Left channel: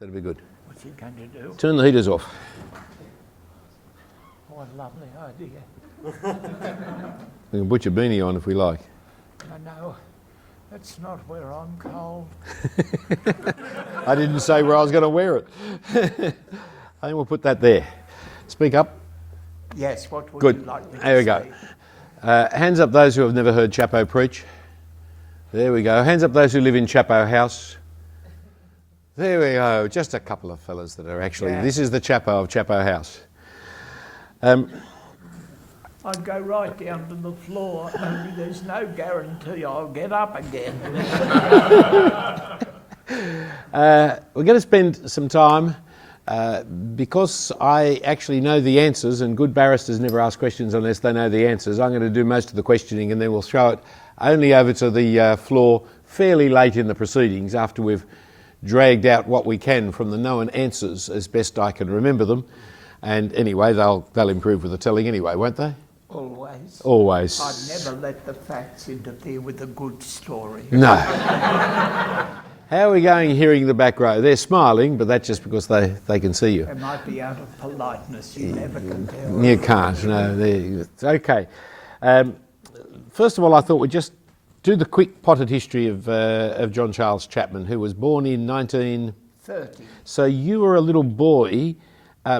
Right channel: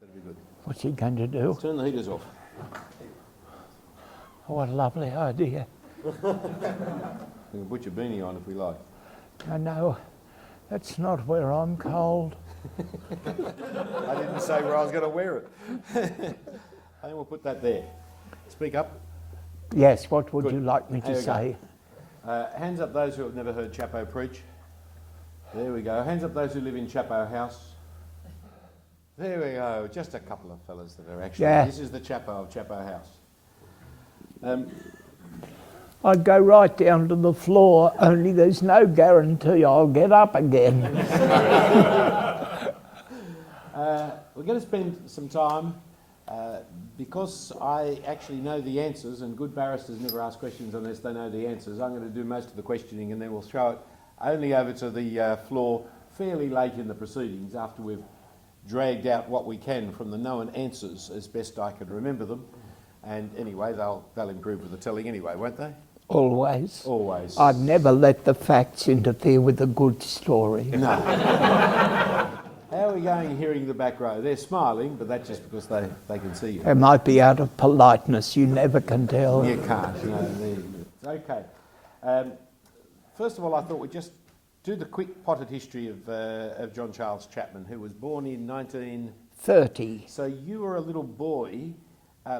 That'd be good. What's he going to do? Turn the heaters off. Oh, what a lovely idea. We can put your beanie on if we like. I know. That's not where I'm cold. I didn't say where I was going to wear it. I think we'll put that there. Speak up. Yes, what would Good. you like me to There we say? go. Hands up those who have never heard Chapo preach. There we go. Hands up those who live in Chapo House. There we go. Just a couple of fellas that are actually... Yeah. This is the Chapo of Chapo House. I'd go right down to the floor, only there's no guarantee I'll get up again. We're going to spend some time, because I actually know the answers, and good barristers never ask questions unless they know the answers. I'm going to do most of the questioning and then we'll throw it only over to the floor fairly late in the proceedings after we've dragged out what we can from the known answers as best I can remember them. And anyway, they'll improve with the telling anyway, won't they? Always. Always. I'd never let the facts interfere with a good story. No. How are we going hearing the back row? They're smiling, but that's just because they can see you. It might be out of politeness, you never can tell. You can't, no. It's okay. First of all, I thought we'd just do the quick potted history of John Charles Chapman, who was born in 1930. So you were a little boy,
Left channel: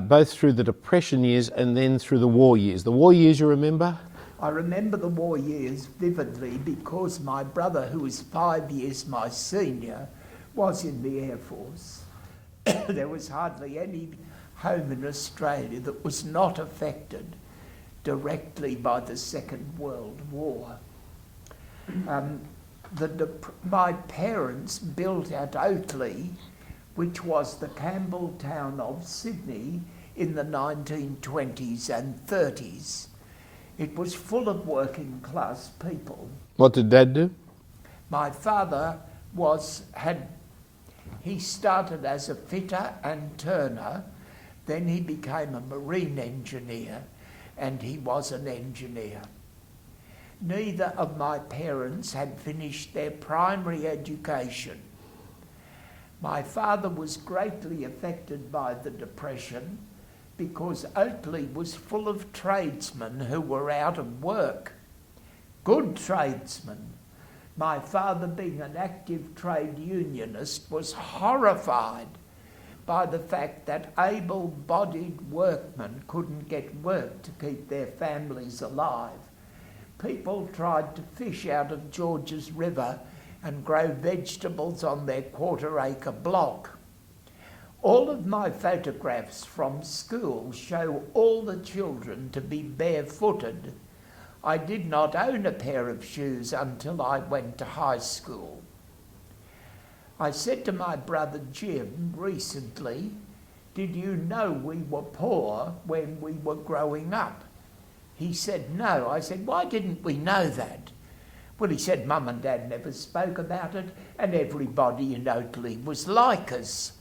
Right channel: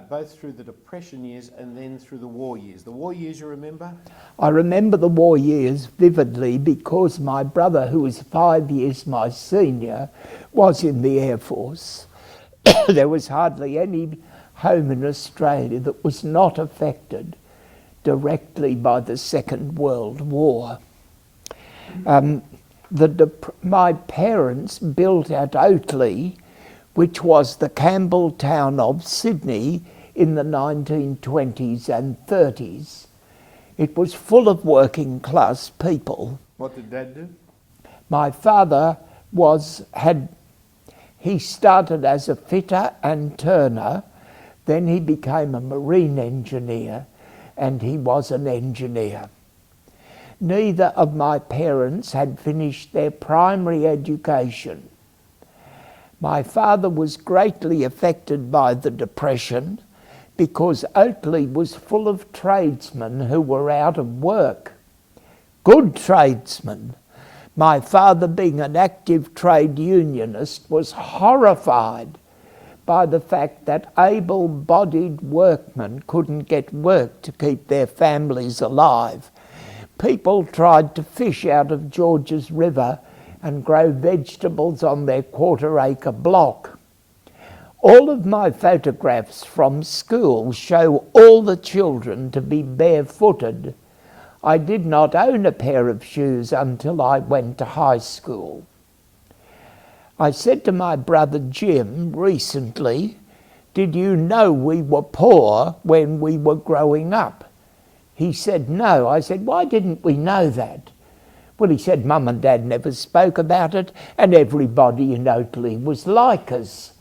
both through the Depression years and then through the war years. The war years you remember? I remember the war years vividly because my brother, who was 5 years my senior, was in the Air Force. There was hardly any home in Australia that was not affected directly by the Second World War. My parents built at Oatley, which was the Campbell town of Sydney in the 1920s and 30s. It was full of working class people. What did Dad do? My father he started as a fitter and turner, then he became a marine engineer, and he was an engineer. Neither of my parents had finished their primary education. My father was greatly affected by the Depression because Oatley was full of tradesmen who were out of work. Good tradesmen. My father, being an active trade unionist, was horrified by the fact that able-bodied workmen couldn't get work to keep their families alive. People tried to fish out of Georges River and grow vegetables on their quarter-acre block. All of my photographs from school show all the children to be barefooted. I did not own a pair of shoes until I went to high school. I said to my brother Jim recently, "Did you know we were poor when we were growing up?" He said, "No." I said, "Why didn't we know that?" Well, he said, "Mum and Dad never spoke about it, and everybody in Oatley was like us.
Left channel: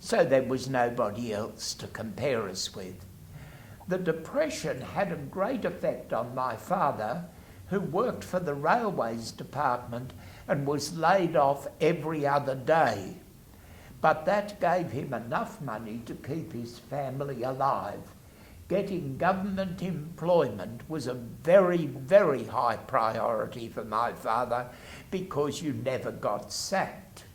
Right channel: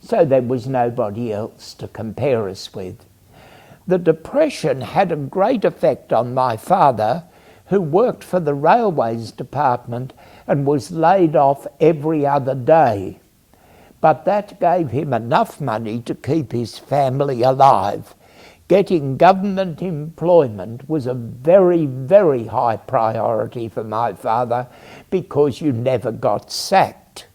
So there was nobody else to compare us with." The Depression had a great effect on my father, who worked for the Railways Department and was laid off every other day. But that gave him enough money to keep his family alive. Getting government employment was a very, very high priority for my father because you never got sacked.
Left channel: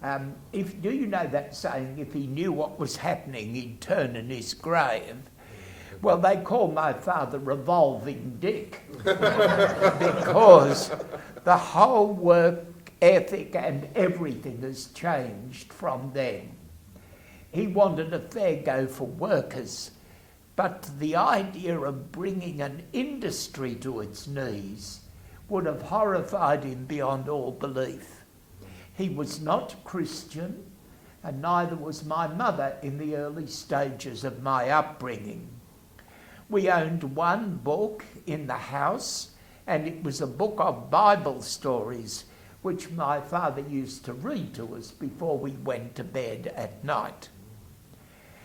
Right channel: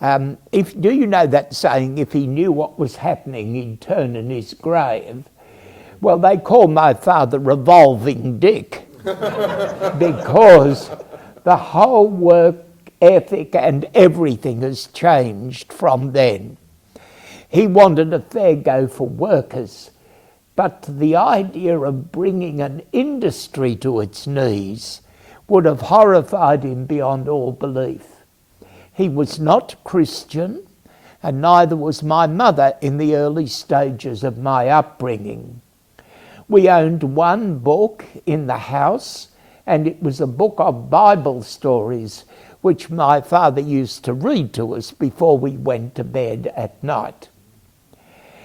Do you know that saying, if he knew what was happening, he'd turn in his grave? Well, they call my father Revolving Dick because the whole work ethic and everything has changed from then. He wanted a fair go for workers, but the idea of bringing an industry to its knees would have horrified him beyond all belief. He was not Christian, and neither was my mother in the early stages of my upbringing. We owned one book in the house, and it was a book of Bible stories, which my father used to read to us before we went to bed at night.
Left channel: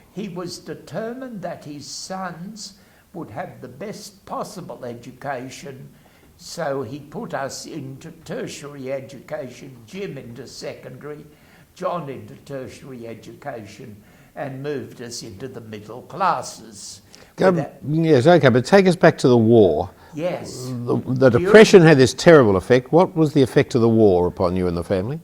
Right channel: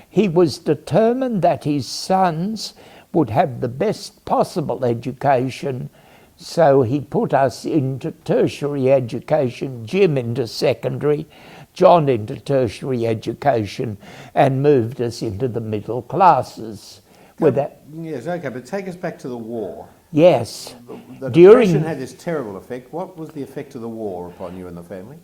He was determined that his sons would have the best possible education, so he put us into tertiary education, Jim into secondary, John into tertiary education and moved us into the middle classes. Yes, okay, but take us back to the war. Yes. The Depression had this terrible effect. What was the effect of the war upon you and the family?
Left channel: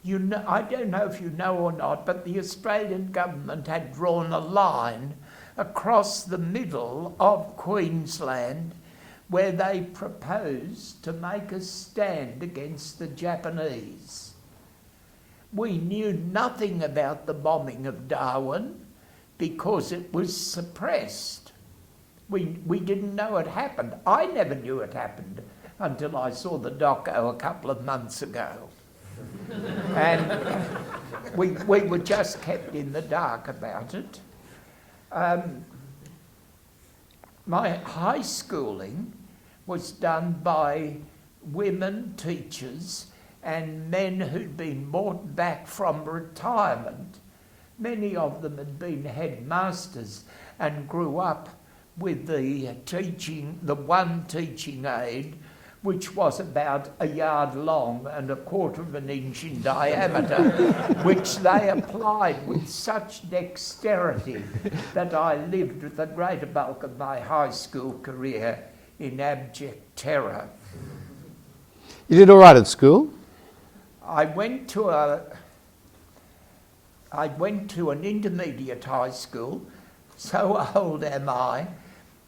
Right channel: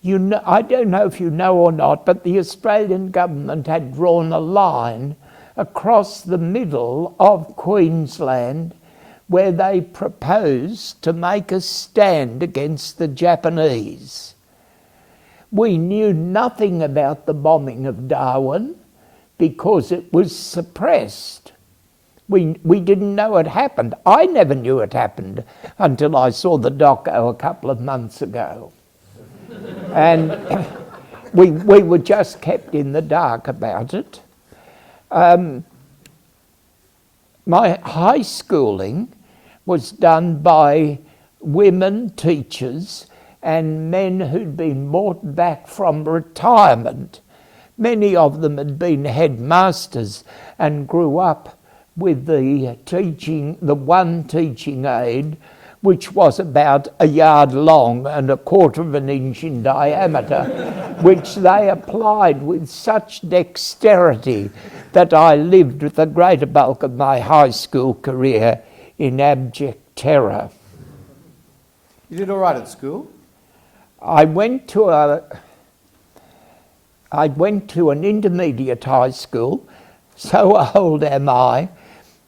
You know, I don't know if you know or not, but the Australian government had drawn a line across the middle of Queensland where they proposed to make a stand against the Japanese. We knew nothing about the bombing of Darwin because it was suppressed. We didn't know it happened. I never knew it happened until I saw the doco a couple of months ago. And we were just kept in the dark about it. My high schooling was done by women teachers and men who'd been brought back from retirement. Many of them had been headmasters and grew up with the one teaching aid, which was about a yard long and a quarter of an inch in diameter, which they applied with such dexterity that I lived the greater bulk of my high school career in abject terror. You did all right at school? I went to an intermediate high school. So old am I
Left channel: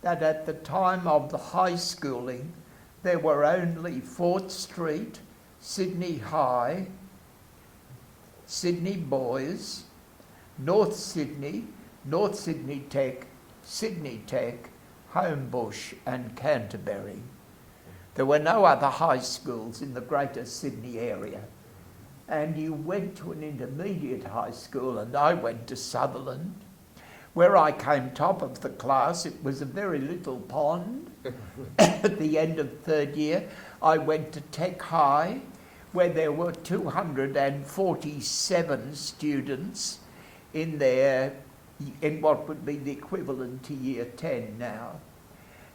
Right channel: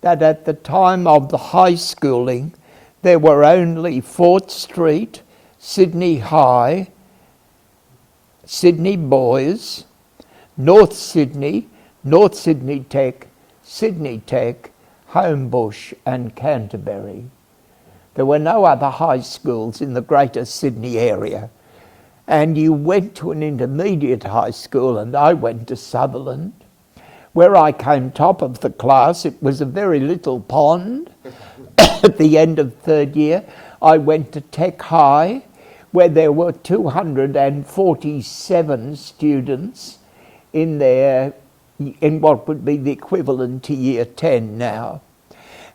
that at the time of the high schooling there were only Fort Street, Sydney High, Sydney Boys, North Sydney Tech, Sydney Tech, Homebush and Canterbury. There were no other high schools in the Greater Sydney area. And you went to an intermediate high school, and I went to Sutherland, where I came top of the class. It was a very little pond. At the end of third year, I went to Tech High, where there were 247 students in what would be the equivalent to year 10 now.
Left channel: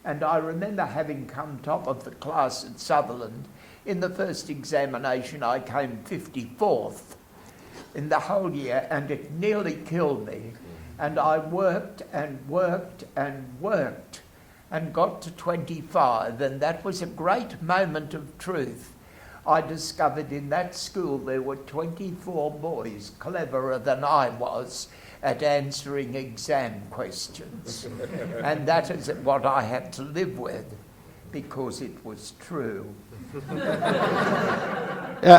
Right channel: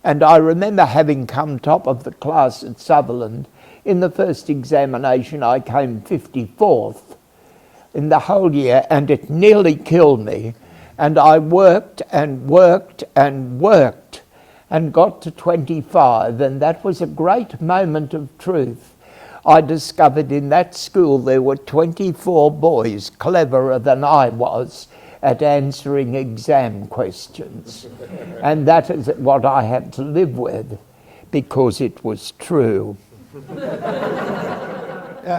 And I remember having come top of the class at Sutherland. In the first examination, I came 54th in the whole year, and it nearly killed me. And I worked and worked and worked and got to 25, and that was a great moment of truth. I discovered in that school there were 24 boys cleverer than I was at answering exam questions. And that is what I had to live with, because it was true.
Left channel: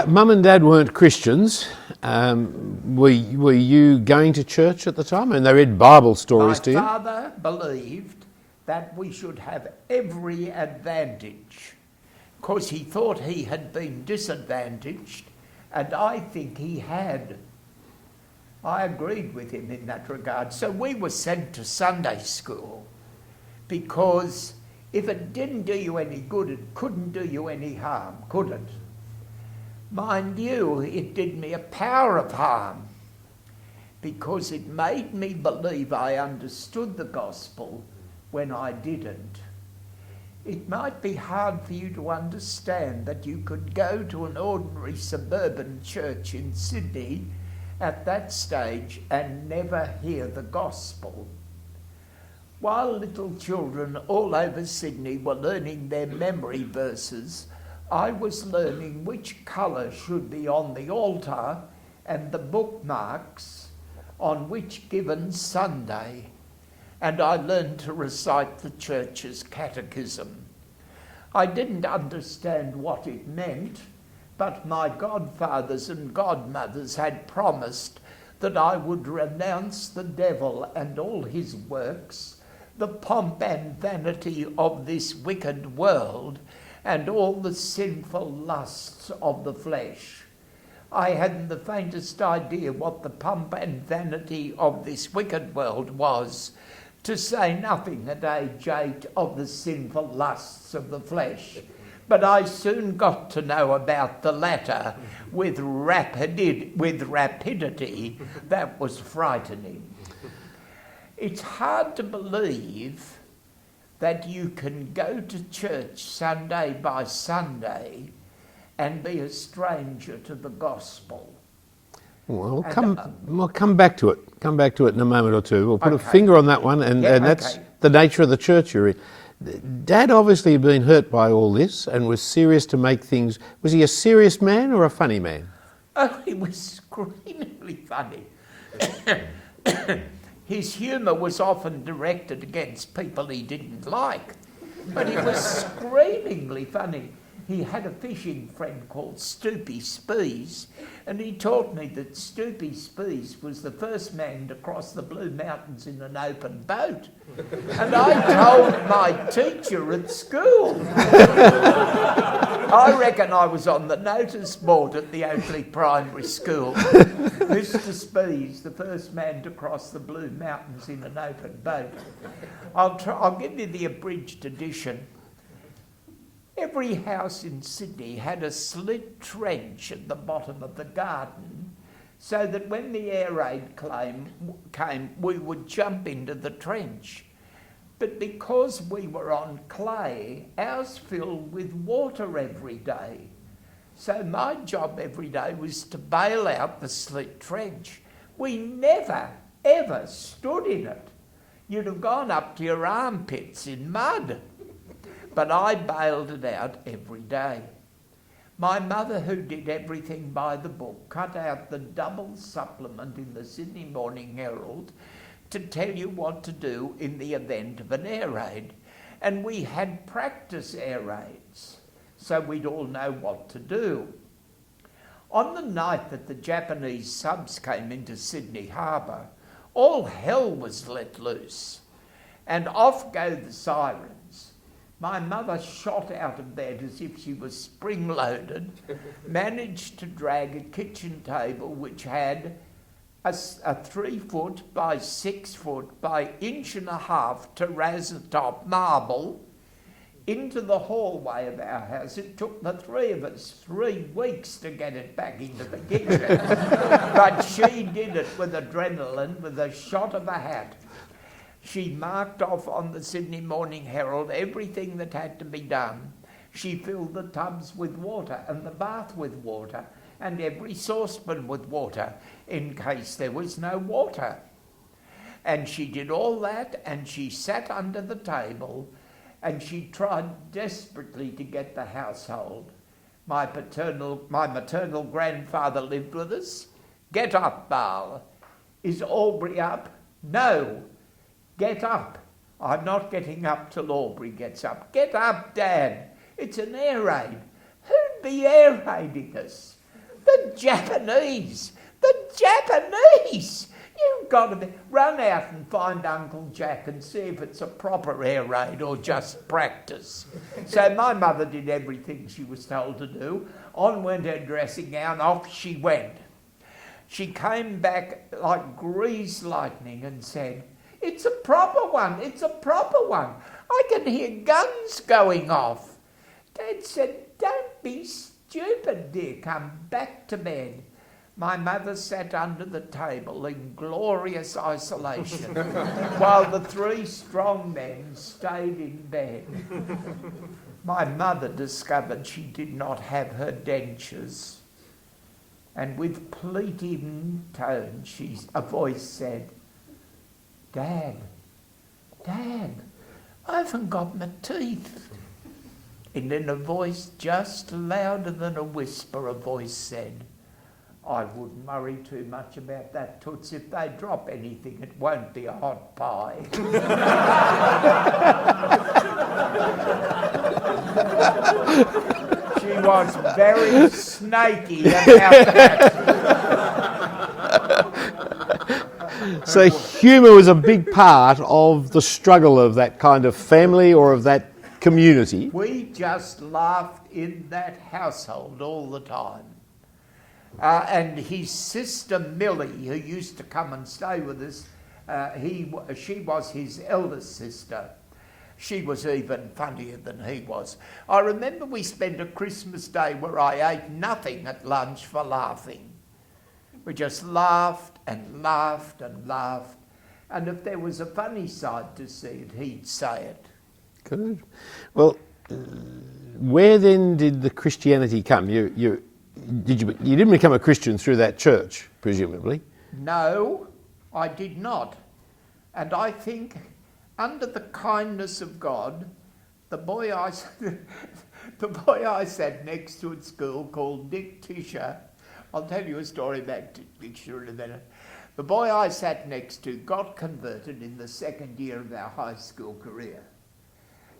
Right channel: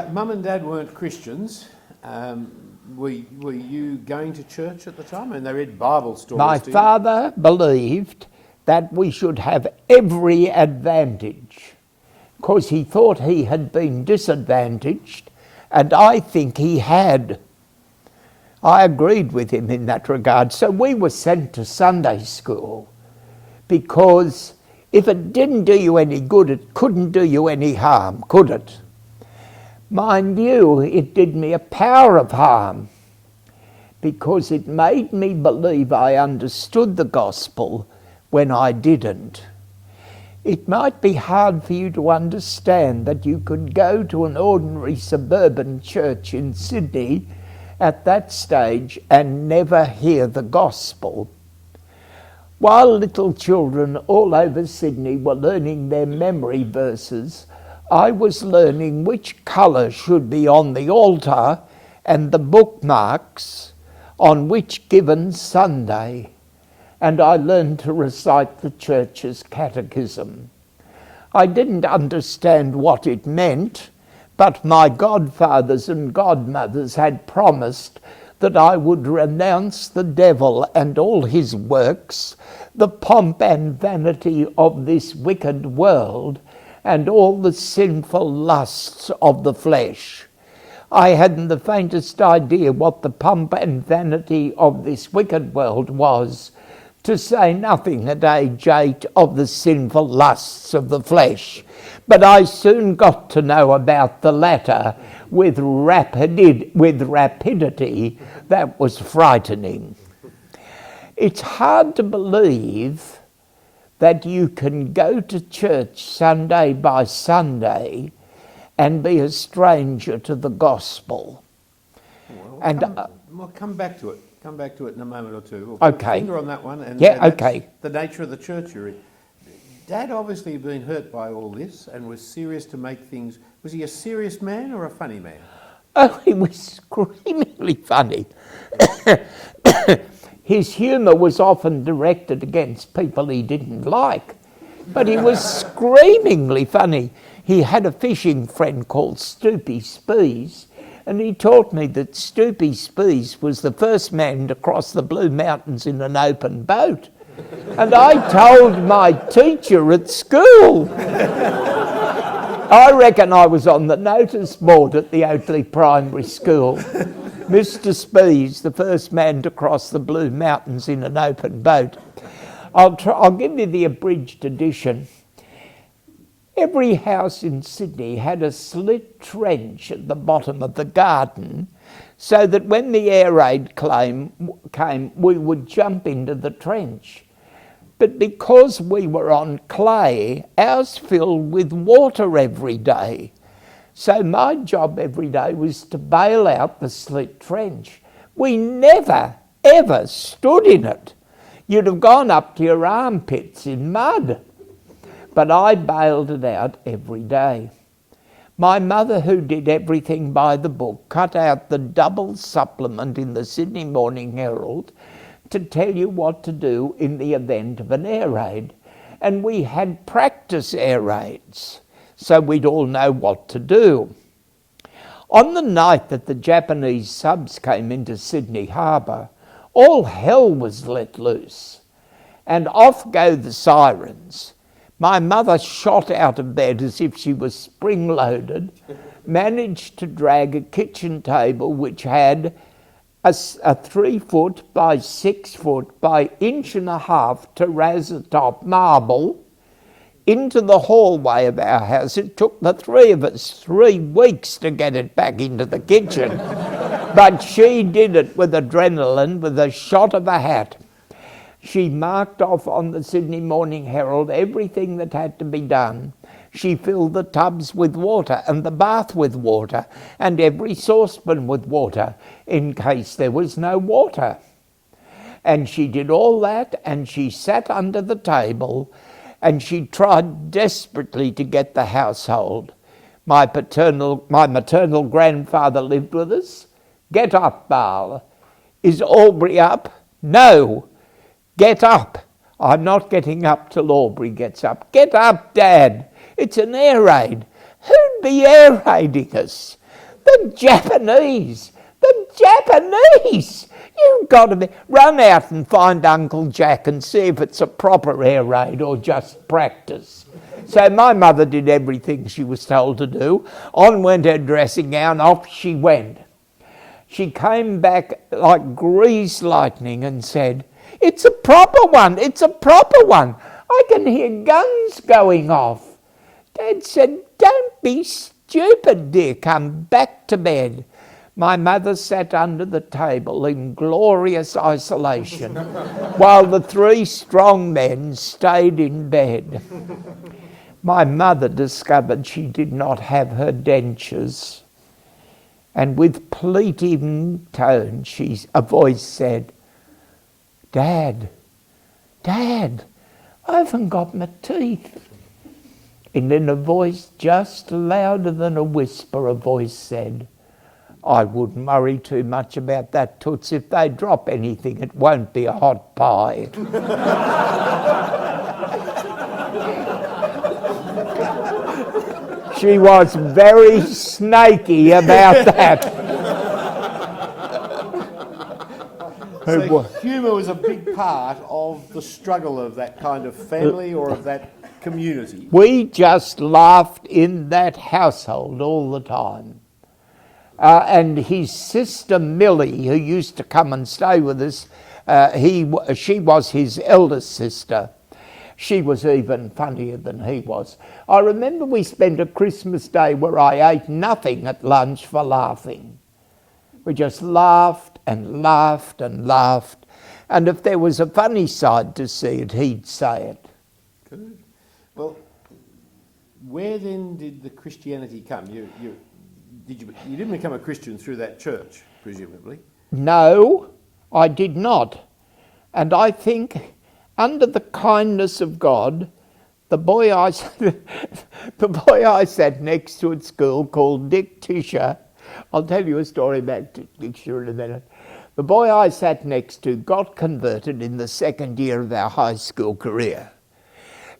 Mum and Dad weren't Christians. Were you going to church at the time? And they read Bible stories to you? My father believed that we should have every advantage, because he thought he had been disadvantaged, and I think he had. I agreed with him in that regard. So we were sent to Sunday school, because if it didn't do you any good, it couldn't do you any harm, could it? Mind you, it did me a power of harm, because it made me believe I understood the gospel when I didn't. It might be hard for you to understand that you could go to an ordinary suburban church in Sydney at that stage and never hear the gospel. While little children all over Sydney were learning their memory verses, I was learning which colour should be on the altar and the bookmarks on which given Sunday. And I learned to recite the church's catechism. I didn't understand what it meant, but my godfathers and godmothers had promised that I would renounce the devil and all his works, the pomp and vanity of this wicked world, and all the sinful lusts of the flesh. I hadn't the faintest idea what the pomp and vanity of this wicked world was, to say nothing at age 8 of the sinful lusts of the flesh. But I soon got to know about the latter with rapidity that was frightening. It's hard to believe that you can go to church Sunday by Sunday and be a stranger to the gospel. Well, And, we'll come back to it. Come back to it in a moment or two. We'll put a Okay. finger on that one, and Yeah, that's okay. the nature of the church you're in. Dad obviously had been hurt by all this and was serious to make things. Was he a serious man or a funny man? Oh, he was screamingly funny. His humour was often directed against people he didn't like, but he was screamingly funny. He had a fishing friend called Stoopy Spees, and he taught me that Stoopy Spees was the first man to cross the Blue Mountains in an open boat. And I told my teacher at school. I reckon I was on the notice board at the Oakley Primary School. Mr. Spees, the first man to cross the Blue Mountains in an open boat. I'll give you the abridged edition. Every house in Sydney had a slit trench at the bottom of the garden, so that when the air raid came, we would jump into the trench. But because we were on clay, ours filled with water every day. So my job every day was to bail out the slit trench. We never, ever stood in it. You'd have gone up to your armpits in mud. But I bailed it out every day. My mother, who did everything by the book, cut out the double supplement in the Sydney Morning Herald to tell you what to do in the event of an air raid. And we had practice air raids, so we'd all know what to do. On the night that the Japanese subs came into Sydney Harbour, all hell was let loose, and off go the sirens. My mother shot out of bed as if she was spring-loaded, managed to drag a kitchen table which had a 3 foot by 6 foot by 1.5 terrazzo-top marble into the hallway of our house. It took the three of us 3 weeks to get it back into the kitchen. But she did it with adrenaline, with a shot of a hat. She marked off on the Sydney Morning Herald everything that had to be done. She filled the tubs with water and the bath with water and every saucepan with water in case there was no water. And she did all that, and she sat under the table and she tried desperately to get the household. My maternal grandfather lived with us. Get up, Barl. Is Aubrey up? No. Get up. I'm not getting up till Aubrey gets up. Get up, Dad. It's an air raid. Who'd be air raiding us? The Japanese. The Japanese. You've got to run out and find Uncle Jack and see if it's a proper air raid or just practice. So my mother did everything she was told to do. On went her dressing gown, off she went. She came back like greased lightning and said, "It's a proper one, it's a proper one. I can hear guns going off." Dad said, "Don't be stupid, dear, come back to bed." My mother sat under the table in glorious isolation while the 3 strong men stayed in bed. My mother discovered she did not have her dentures, and with pleading tone a voice said, Dad, I haven't got my teeth." And in a voice just louder than a whisper, a voice said, "I wouldn't worry too much about that, Toots. If they drop anything, it won't be a hot pie." She was very snaky about that. So humour was a big part of the struggle of that kind of family or of that community. We just laughed in that household all the time. And his sister Millie, who used to come and stay with us, she was his eldest sister. She was even funnier than he was. I remember we spent a Christmas day where I ate nothing at lunch for laughing. We just laughed and laughed and laughed. And if there was a funny side to see it, he'd say it. Good. Well, where then did the Christianity come? You didn't become a Christian through that church, presumably. No, I did not. And I think, under the kindness of God, the boy I sat next to at school, called Dick Tisher, I'll tell you a story about Dick Tisher in a minute. The boy I sat next to got converted in the second year of our high school career.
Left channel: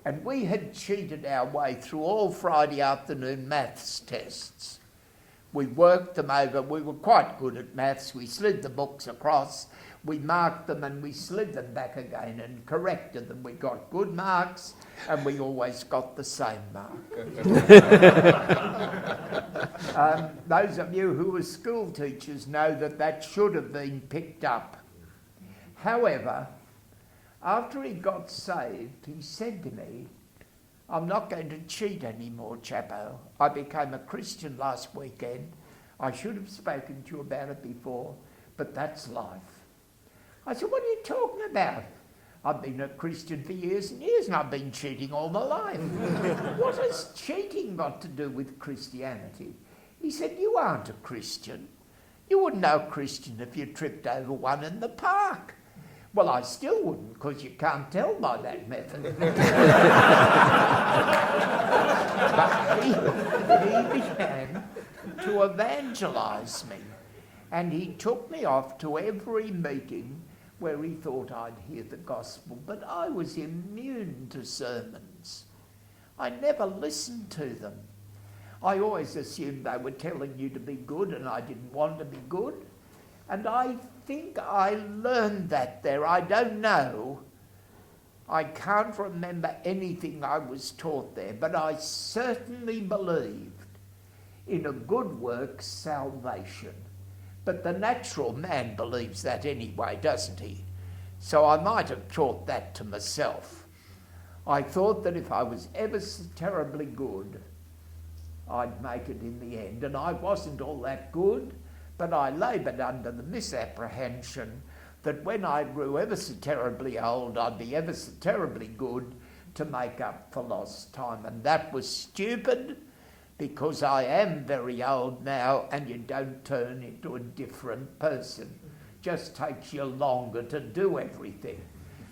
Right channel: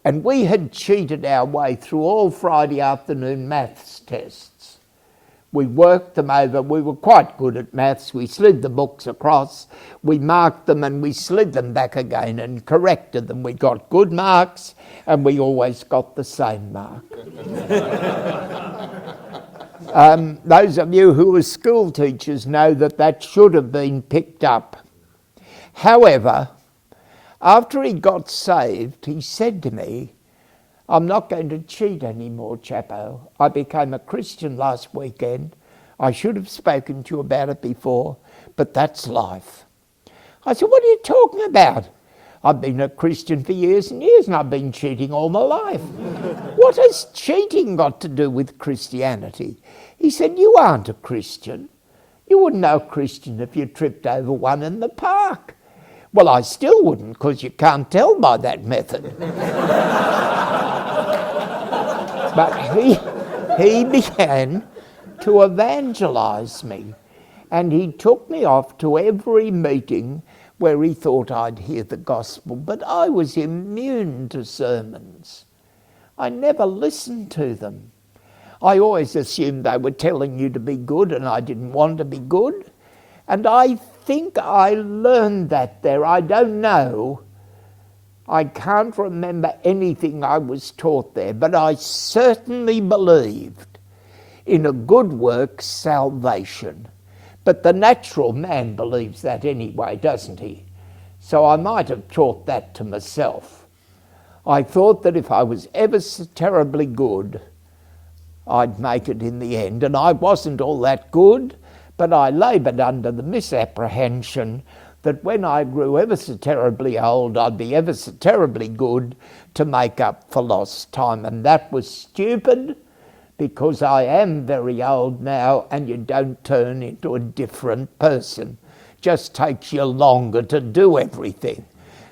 And we had cheated our way through all Friday afternoon maths tests. We worked them over. We were quite good at maths. We slid the books across, we marked them, and we slid them back again and corrected them. We got good marks, and we always got the same mark. Those of you who are school teachers know that that should have been picked up. However, after he got saved, he said to me, "I'm not going to cheat anymore, Chapo. I became a Christian last weekend. I should have spoken to you about it before, but that's life." I said, "What are you talking about? I've been a Christian for years and years, and I've been cheating all my life. What has cheating got to do with Christianity?" He said, "You aren't a Christian. You wouldn't know a Christian if you tripped over one in the park." Well, I still wouldn't, because you can't tell by that method. But he began to evangelise me, and he took me off to every meeting where he thought I'd hear the gospel, but I was immune to sermons. I never listened to them. I always assumed they were telling you to be good, and I didn't want to be good. And I think I learned that there. I don't know. I can't remember anything I was taught there, but I certainly believed in a good work salvation. But the natural man believes that anyway, doesn't he? So I might have taught that to myself. I thought that if I was ever so terribly good, I'd make it in the end. And I wasn't all that good, but I laboured under the misapprehension that when I grew ever so terribly old, I'd be ever so terribly good to make up for lost time. And that was stupid, because I am very old now, and you don't turn into a different person. Just takes you longer to do everything.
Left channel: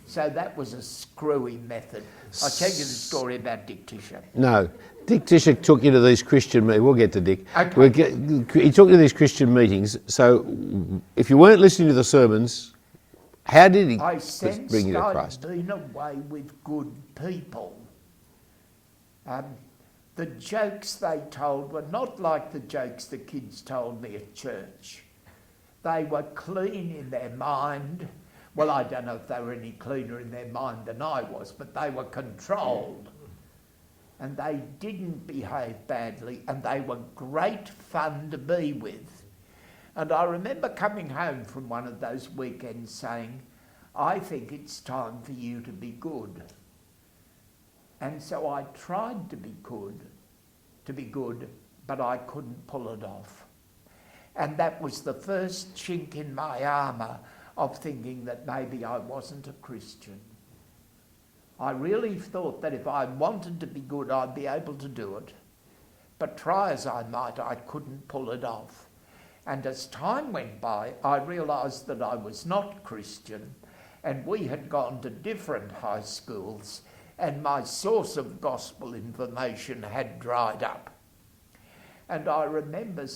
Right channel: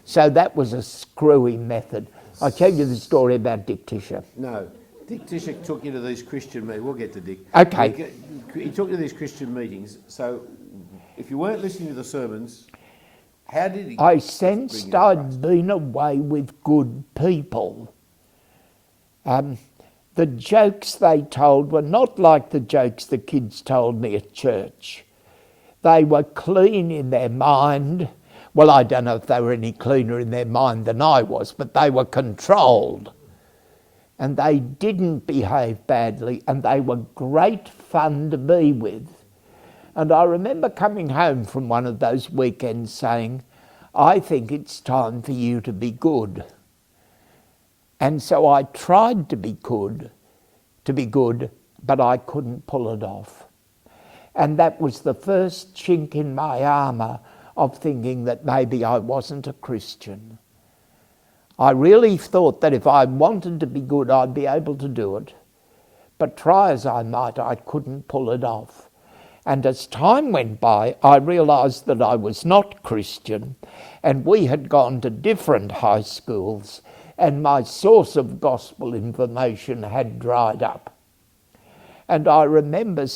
So that was a screwy method. I'll tell you the story about Dick Tisher. No. Dick Tisher took you to these Christian meetings. We'll get to Dick. Okay. He took you to these Christian meetings. So if you weren't listening to the sermons, how did he I bring sensed you to I'd Christ? been away with good people. The jokes they told were not like the jokes the kids told me at church. They were clean in their mind. Well, I don't know if they were any cleaner in their mind than I was, but they were controlled. And they didn't behave badly, and they were great fun to be with. And I remember coming home from one of those weekends saying, "I think it's time for you to be good." And so I tried to be good, but I couldn't pull it off. And that was the first chink in my armour of thinking that maybe I wasn't a Christian. I really thought that if I wanted to be good, I'd be able to do it. But try as I might, I couldn't pull it off. And as time went by, I realised that I was not Christian, and we had gone to different high schools, and my source of gospel information had dried up. And I remember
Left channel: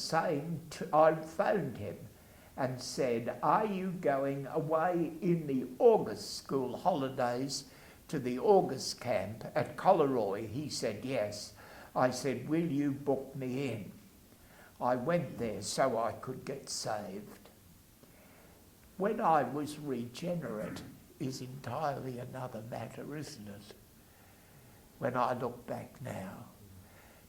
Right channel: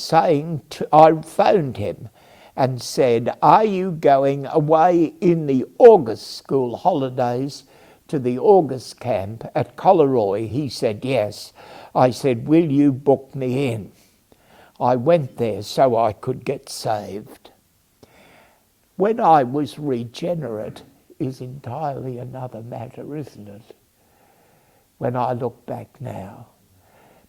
I phoned him and said, "Are you going away in the August school holidays to the August camp at Collaroy?" He said, "Yes." I said, "Will you book me in?" I went there so I could get saved. When I was regenerate is entirely another matter, isn't it? When I look back now.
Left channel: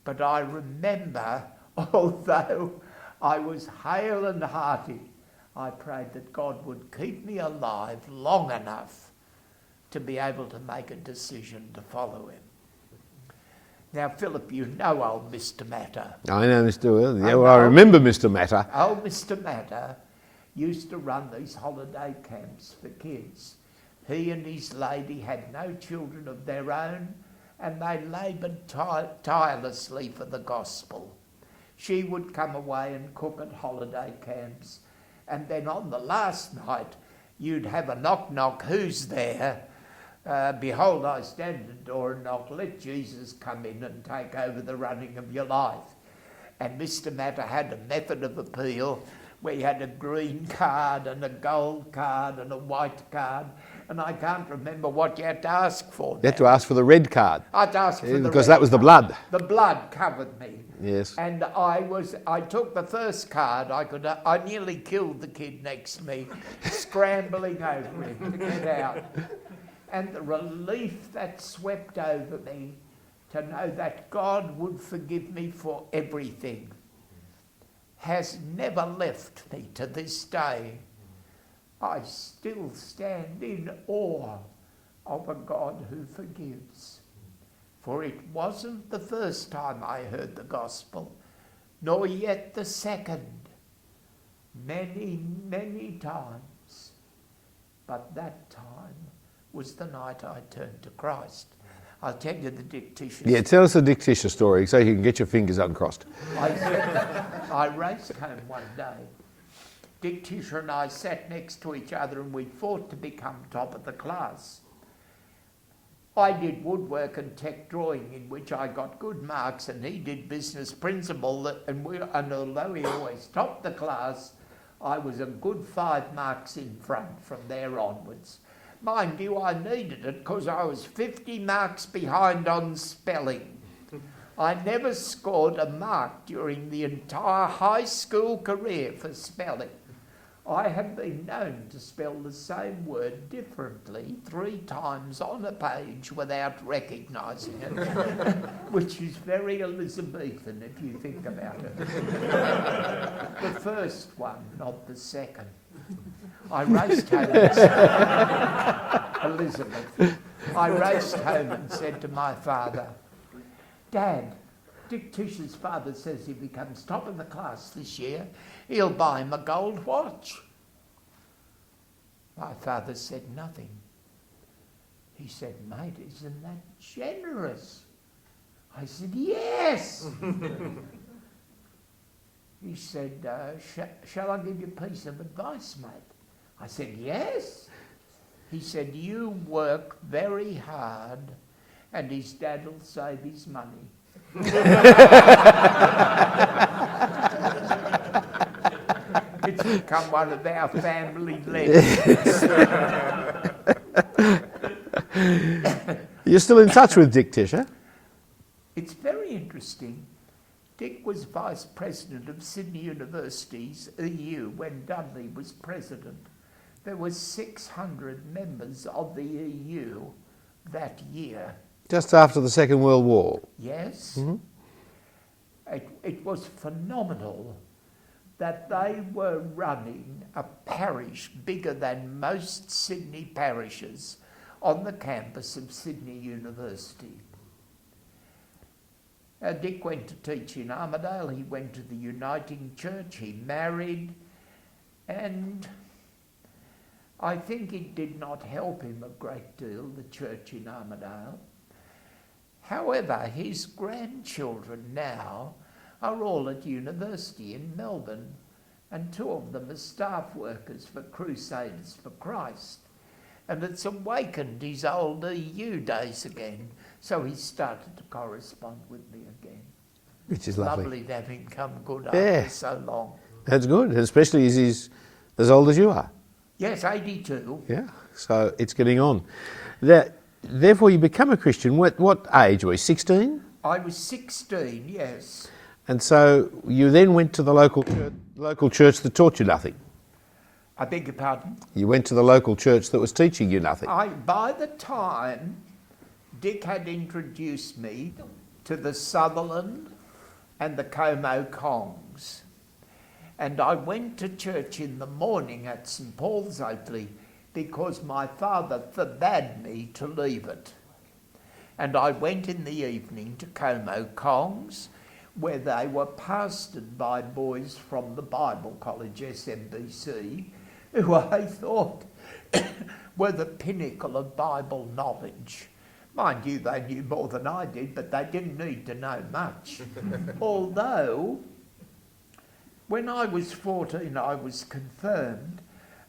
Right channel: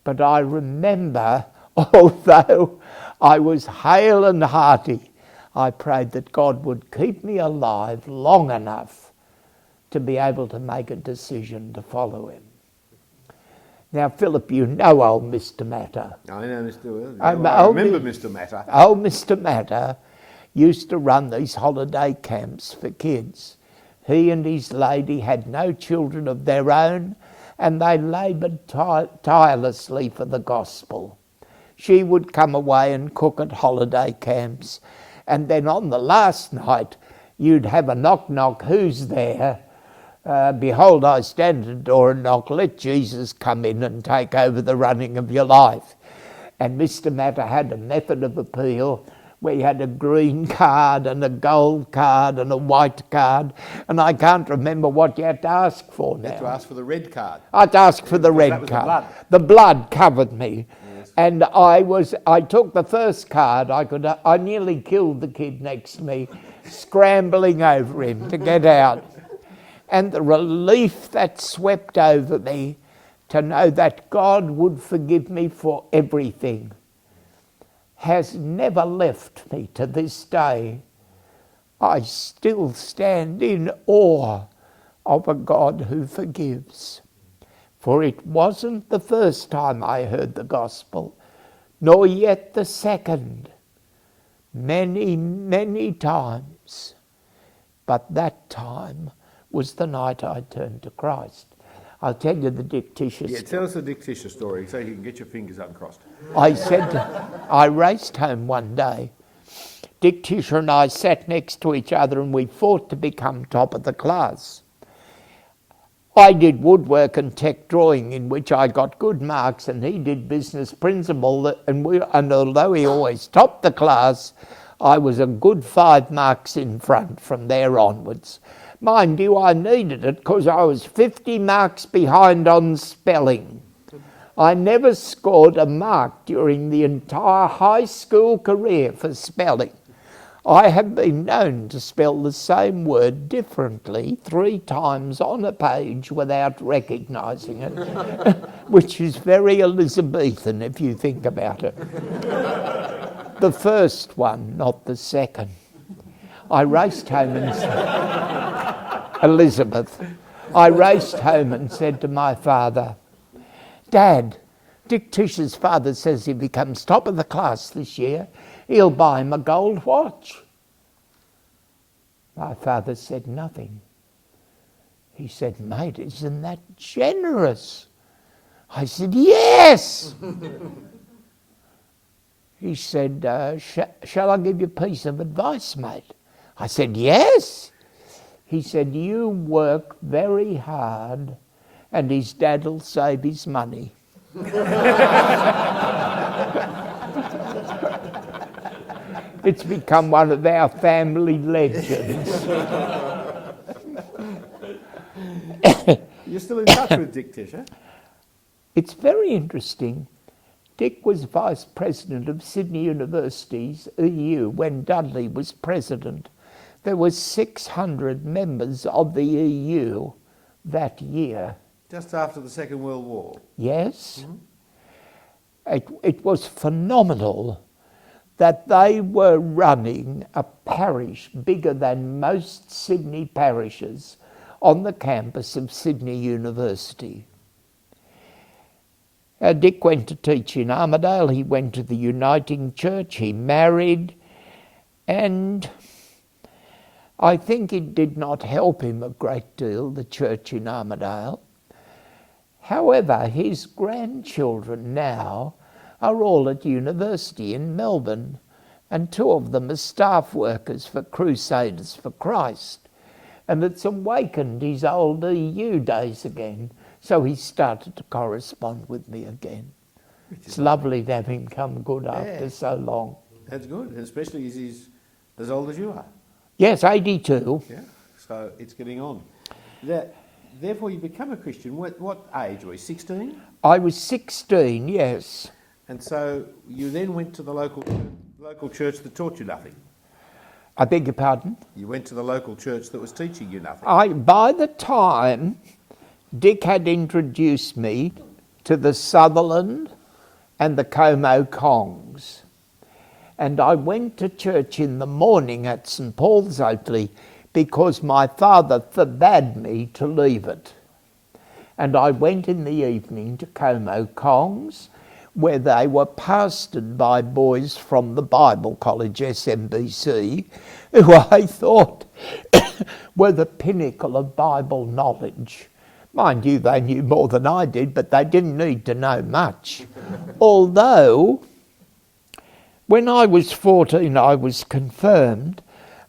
But I remember, although I was hale and hearty, I prayed that God would keep me alive long enough to be able to make a decision to follow him. Now, Philip, you know old Mr. Matter. I know Mr. Will. I remember Mr. Matter. Old Mr. Matter used to run these holiday camps for kids. He and his lady had no children of their own, and they laboured tirelessly for the gospel. She would come away and cook at holiday camps, and then on the last night you'd have a knock-knock, who's there? Behold, I stand at the door and knock, let Jesus come in and take over the running of your life. And Mr. Matter had a method of appeal where you had a green card and a gold card and a white card, and I can't remember what you had to ask for. You had to ask for the red card. I'd ask for the red card. Because that was the blood. The blood covered me. Yes. And I took the first card. I nearly killed the kid next to me, scrambling over him to get out. And the relief that swept over me to know that God would forgive me for everything has never left me to this day. I still stand in awe of a God who forgives. For it wasn't the first time I heard the gospel, nor yet the second. Many, many times. But that time was the night I turned to Christ. I'll tell you the Dick Tisher story. Yeah, tell us the Dick Tisher story so you can get your fingers uncrossed. I raced home one day. Dick Tisher and I sat next to each other and we fought to become top of the class. I did woodwork and tech drawing, in which I got good marks, and he did business principle, and although he always topped the class, I was a good 5 marks in front from there onwards. Mind you, I needed it because I was 50 marks behind on spelling. I never scored a mark during the entire high school career for spelling. I have been known to spell the same word differently 3 times on a page without recognising it, which is very Elizabethan if you think about it. The first one, not the second. I raced home and Elizabeth. I raced home and said to my father, Dad, Dick Tisher's father says if he comes top of the class this year, he'll buy him a gold watch. My father said nothing. He said, mate, isn't that generous? I said, yes. He said, shall I give you a piece of advice, mate? I said, yes. He said, you work very hard and his dad will save his money. It's become one of our family legends. You're still in touch with Dick Tisher? It's very interesting. Dick was vice president of Sydney University's EU when Dudley was president. There were 600 members of the EU that year. Just after the Second World War? Yes. Mm-hmm. It was phenomenal that they were running a parish bigger than most Sydney parishes on the campus of Sydney University. Dick went to teach in Armidale, he went to the Uniting Church, he married, and I think it did not help him a great deal, the church in Armidale. However, his grandchildren now are all at university in Melbourne, and 2 of them are staff workers for Crusaders for Christ. And it's awakened his old EU days again, so he started to correspond with me again. Which is It's lovely to have him come good after so long. That's good, especially as he's as old as you are. Yes, 82. Yeah, so it's getting on. Therefore, you become a Christian. What age were you, 16? I was 16, yes. And so you then went to the local church that taught you nothing. I beg your pardon? You went to the local church that was teaching you nothing. By the time Dick had introduced me to the Sutherland and the Como Kongs, and I went to church in the morning at St Paul's Oakley because my father forbade me to leave it. And I went in the evening to Como Kongs, where they were pastored by boys from the Bible College, SMBC, who I thought were the pinnacle of Bible knowledge. Mind you, they knew more than I did, but they didn't need to know much. Although, when I was 14, I was confirmed,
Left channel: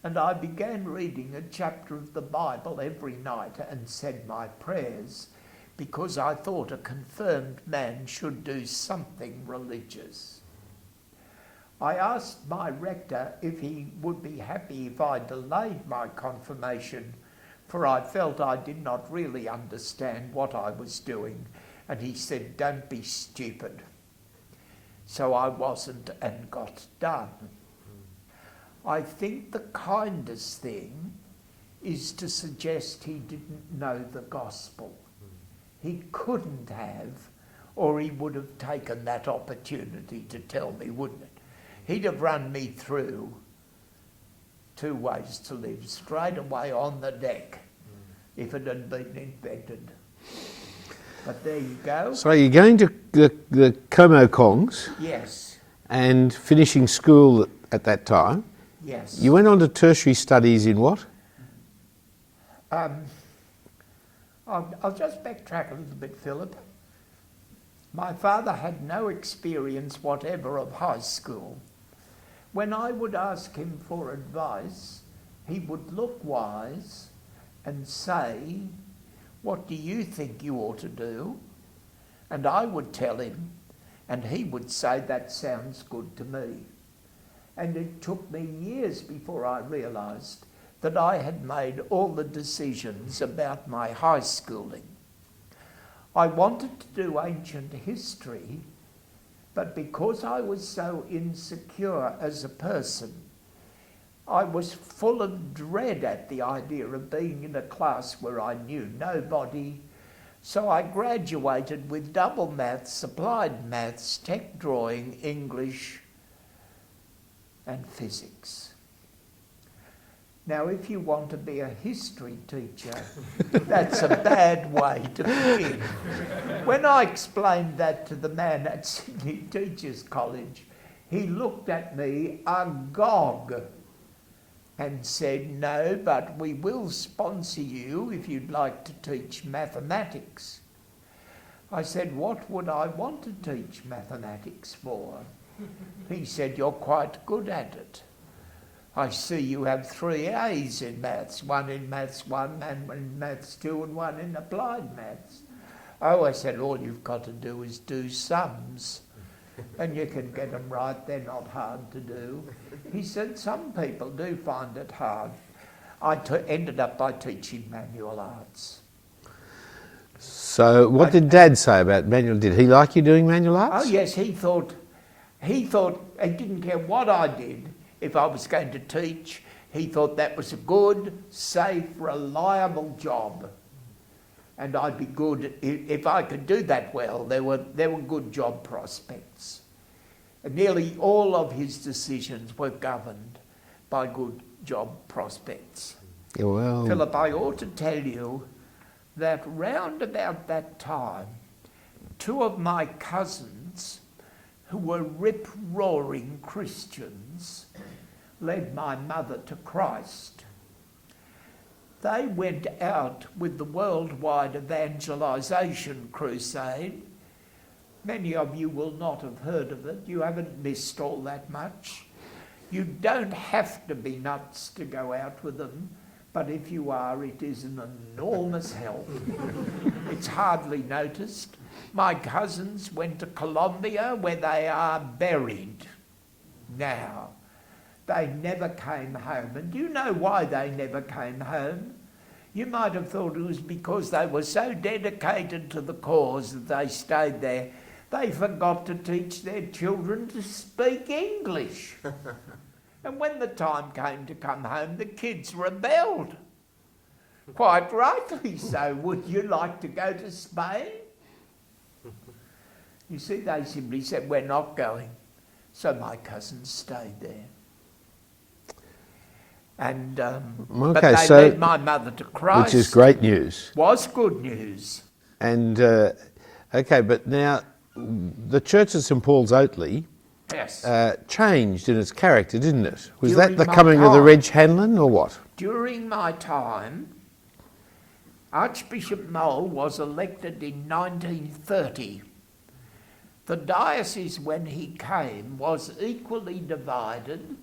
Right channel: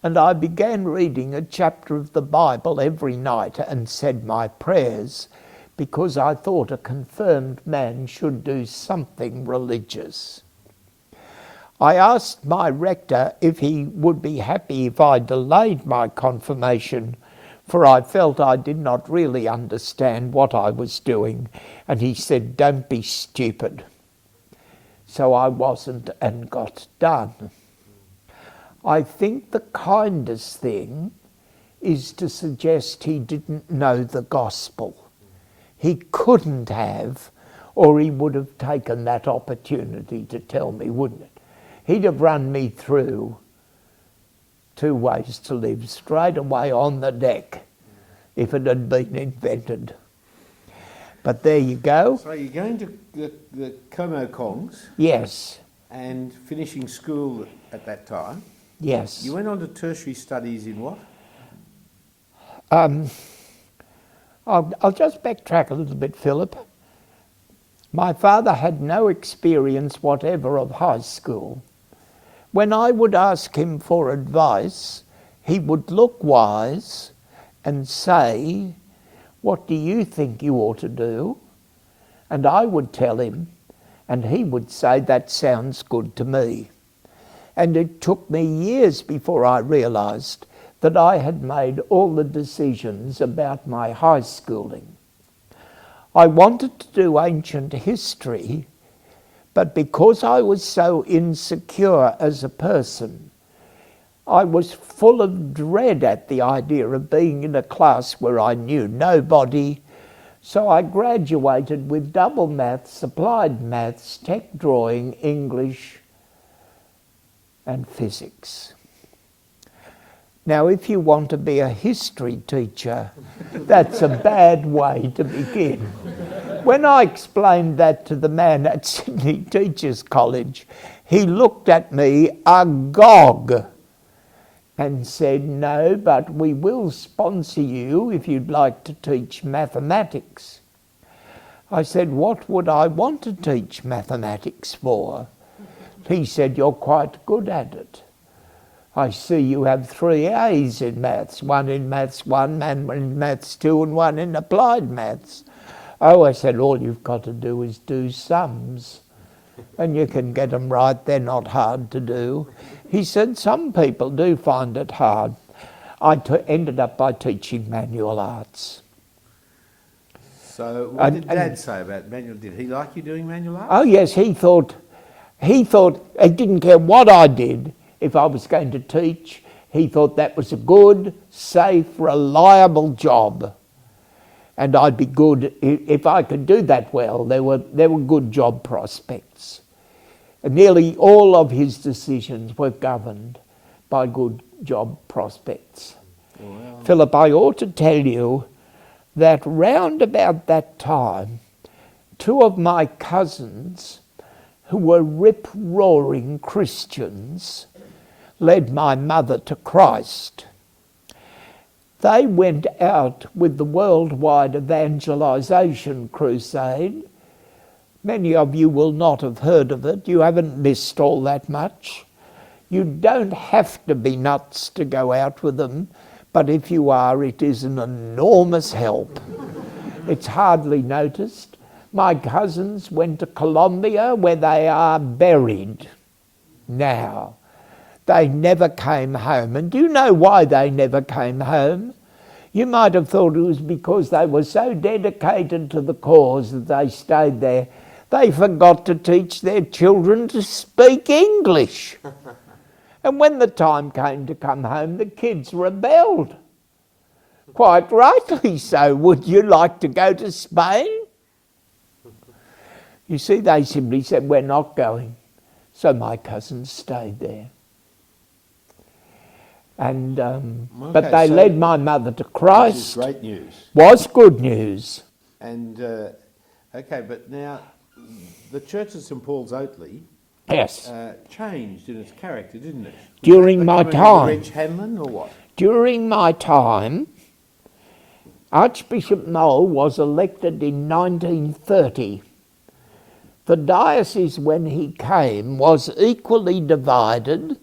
and I began reading a chapter of the Bible every night and said my prayers, because I thought a confirmed man should do something religious. I asked my rector if he would be happy if I delayed my confirmation, for I felt I did not really understand what I was doing, and he said, "Don't be stupid." So I wasn't and got done. I think the kindest thing is to suggest he didn't know the gospel. He couldn't have, or he would have taken that opportunity to tell me, wouldn't it? He'd have run me through 2 ways to live straight away on the deck if it had been invented. But there you go. So you're going to the Como Kongs Yes, and finishing school at that time. yes. You went on to tertiary studies in what? I'll just backtrack a little bit, Philip. My father had no experience whatever of high school. When I would ask him for advice, he would look wise and say, "What do you think you ought to do?" And I would tell him, and he would say, "That sounds good to me." And it took me years before I realised that I had made all the decisions about my high schooling. I wanted to do ancient history, but because I was so insecure as a person, I was full of dread at the idea of being in a class where I knew nobody, so I graduated with double maths, applied maths, tech drawing, English, and physics. Now, if you want to be a history teacher, that's a bad way to begin. When I explained that to the man at Sydney Teachers College, he looked at me agog and said, "No, but we will sponsor you if you'd like to teach mathematics." I said, "What would I want to teach mathematics for?" He said, "You're quite good at it. I see you have 3 A's in maths, 1 in maths 1, and 1 in maths 2, and 1 in applied maths." Oh, I said, "All you've got to do is do sums, and you can get them right. They're not hard to do." He said, "Some people do find it hard." I ended up by teaching manual arts. So what did Dad say about manual? Did he like you doing manual arts? Oh yes, he thought he didn't care what I did. If I was going to teach, he thought that was a good, safe, reliable job. And I'd be good if I could do that well. There were good job prospects. And nearly all of his decisions were governed by good job prospects. Yeah, well, Philip, I ought to tell you that round about that time, 2 of my cousins, who were rip-roaring Christians, led my mother to Christ. They went out with the worldwide evangelisation crusade. Many of you will not have heard of it. You haven't missed all that much. You don't have to be nuts to go out with them, but if you are, it is an enormous help. It's hardly noticed. My cousins went to Colombia, where they are buried now. They never came home. And do you know why they never came home? You might have thought it was because they were so dedicated to the cause that they stayed there. They forgot to teach their children to speak English. And when the time came to come home, the kids rebelled. Quite rightly so. Would you like to go to Spain? You see, they simply said, "We're not going." So my cousins stayed there. And but they led my mother to Christ. Which is great news. Was good news. And, okay, but now the Church of St Paul's Oatley Yes. changed in its character, didn't it? Was During that the my coming of time. the Reg Hanlon or what? During my time, Archbishop Mole was elected in 1930. The diocese when he came was equally divided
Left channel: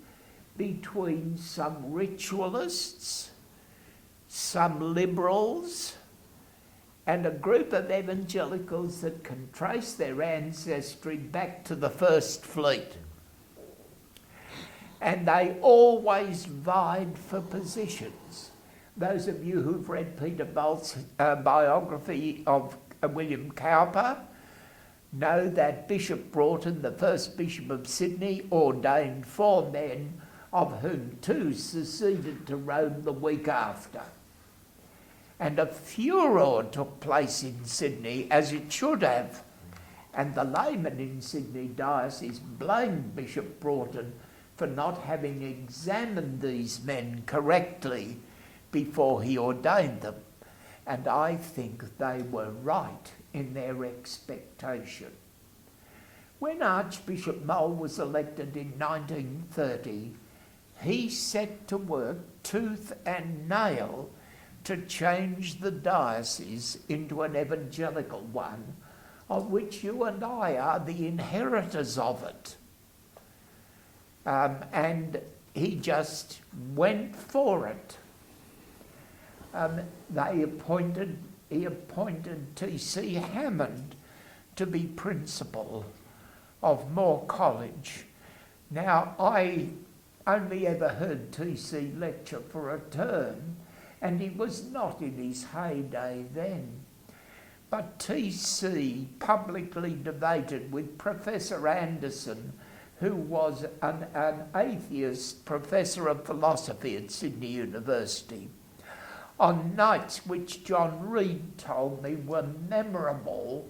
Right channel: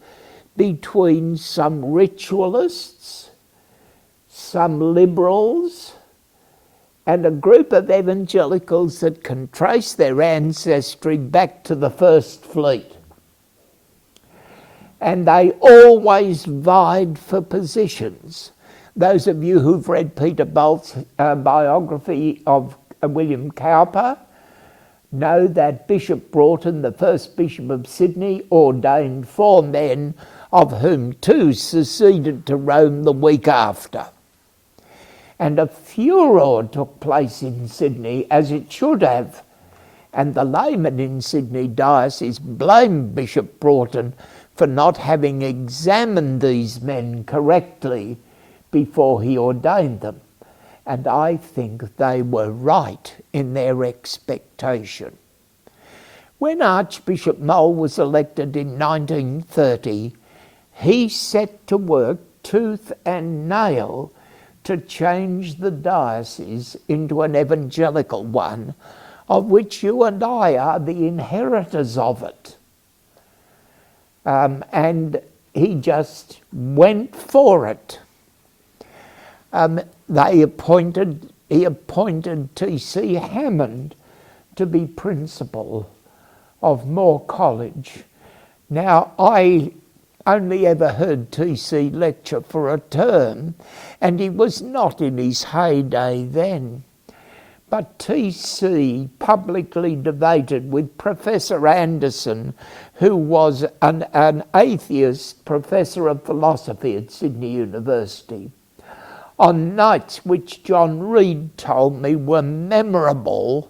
between some ritualists, some liberals, and a group of evangelicals that can trace their ancestry back to the First Fleet. And they always vied for positions. Those of you who've read Peter Bolt's biography of William Cowper know that Bishop Broughton, the first Bishop of Sydney, ordained 4 men, of whom 2 seceded to Rome the week after. And a furor took place in Sydney, as it should have. And the laymen in Sydney diocese blamed Bishop Broughton for not having examined these men correctly before he ordained them. And I think they were right in their expectation. When Archbishop Mole was elected in 1930, he set to work tooth and nail to change the diocese into an evangelical one, of which you and I are the inheritors of it. And he just went for it. He appointed T.C. Hammond to be principal of Moore College. Now, I only ever heard T.C. lecture for a term, and he was not in his heyday then. But T.C. publicly debated with Professor Anderson, who was an atheist professor of philosophy at Sydney University, on nights which John Reed told me were memorable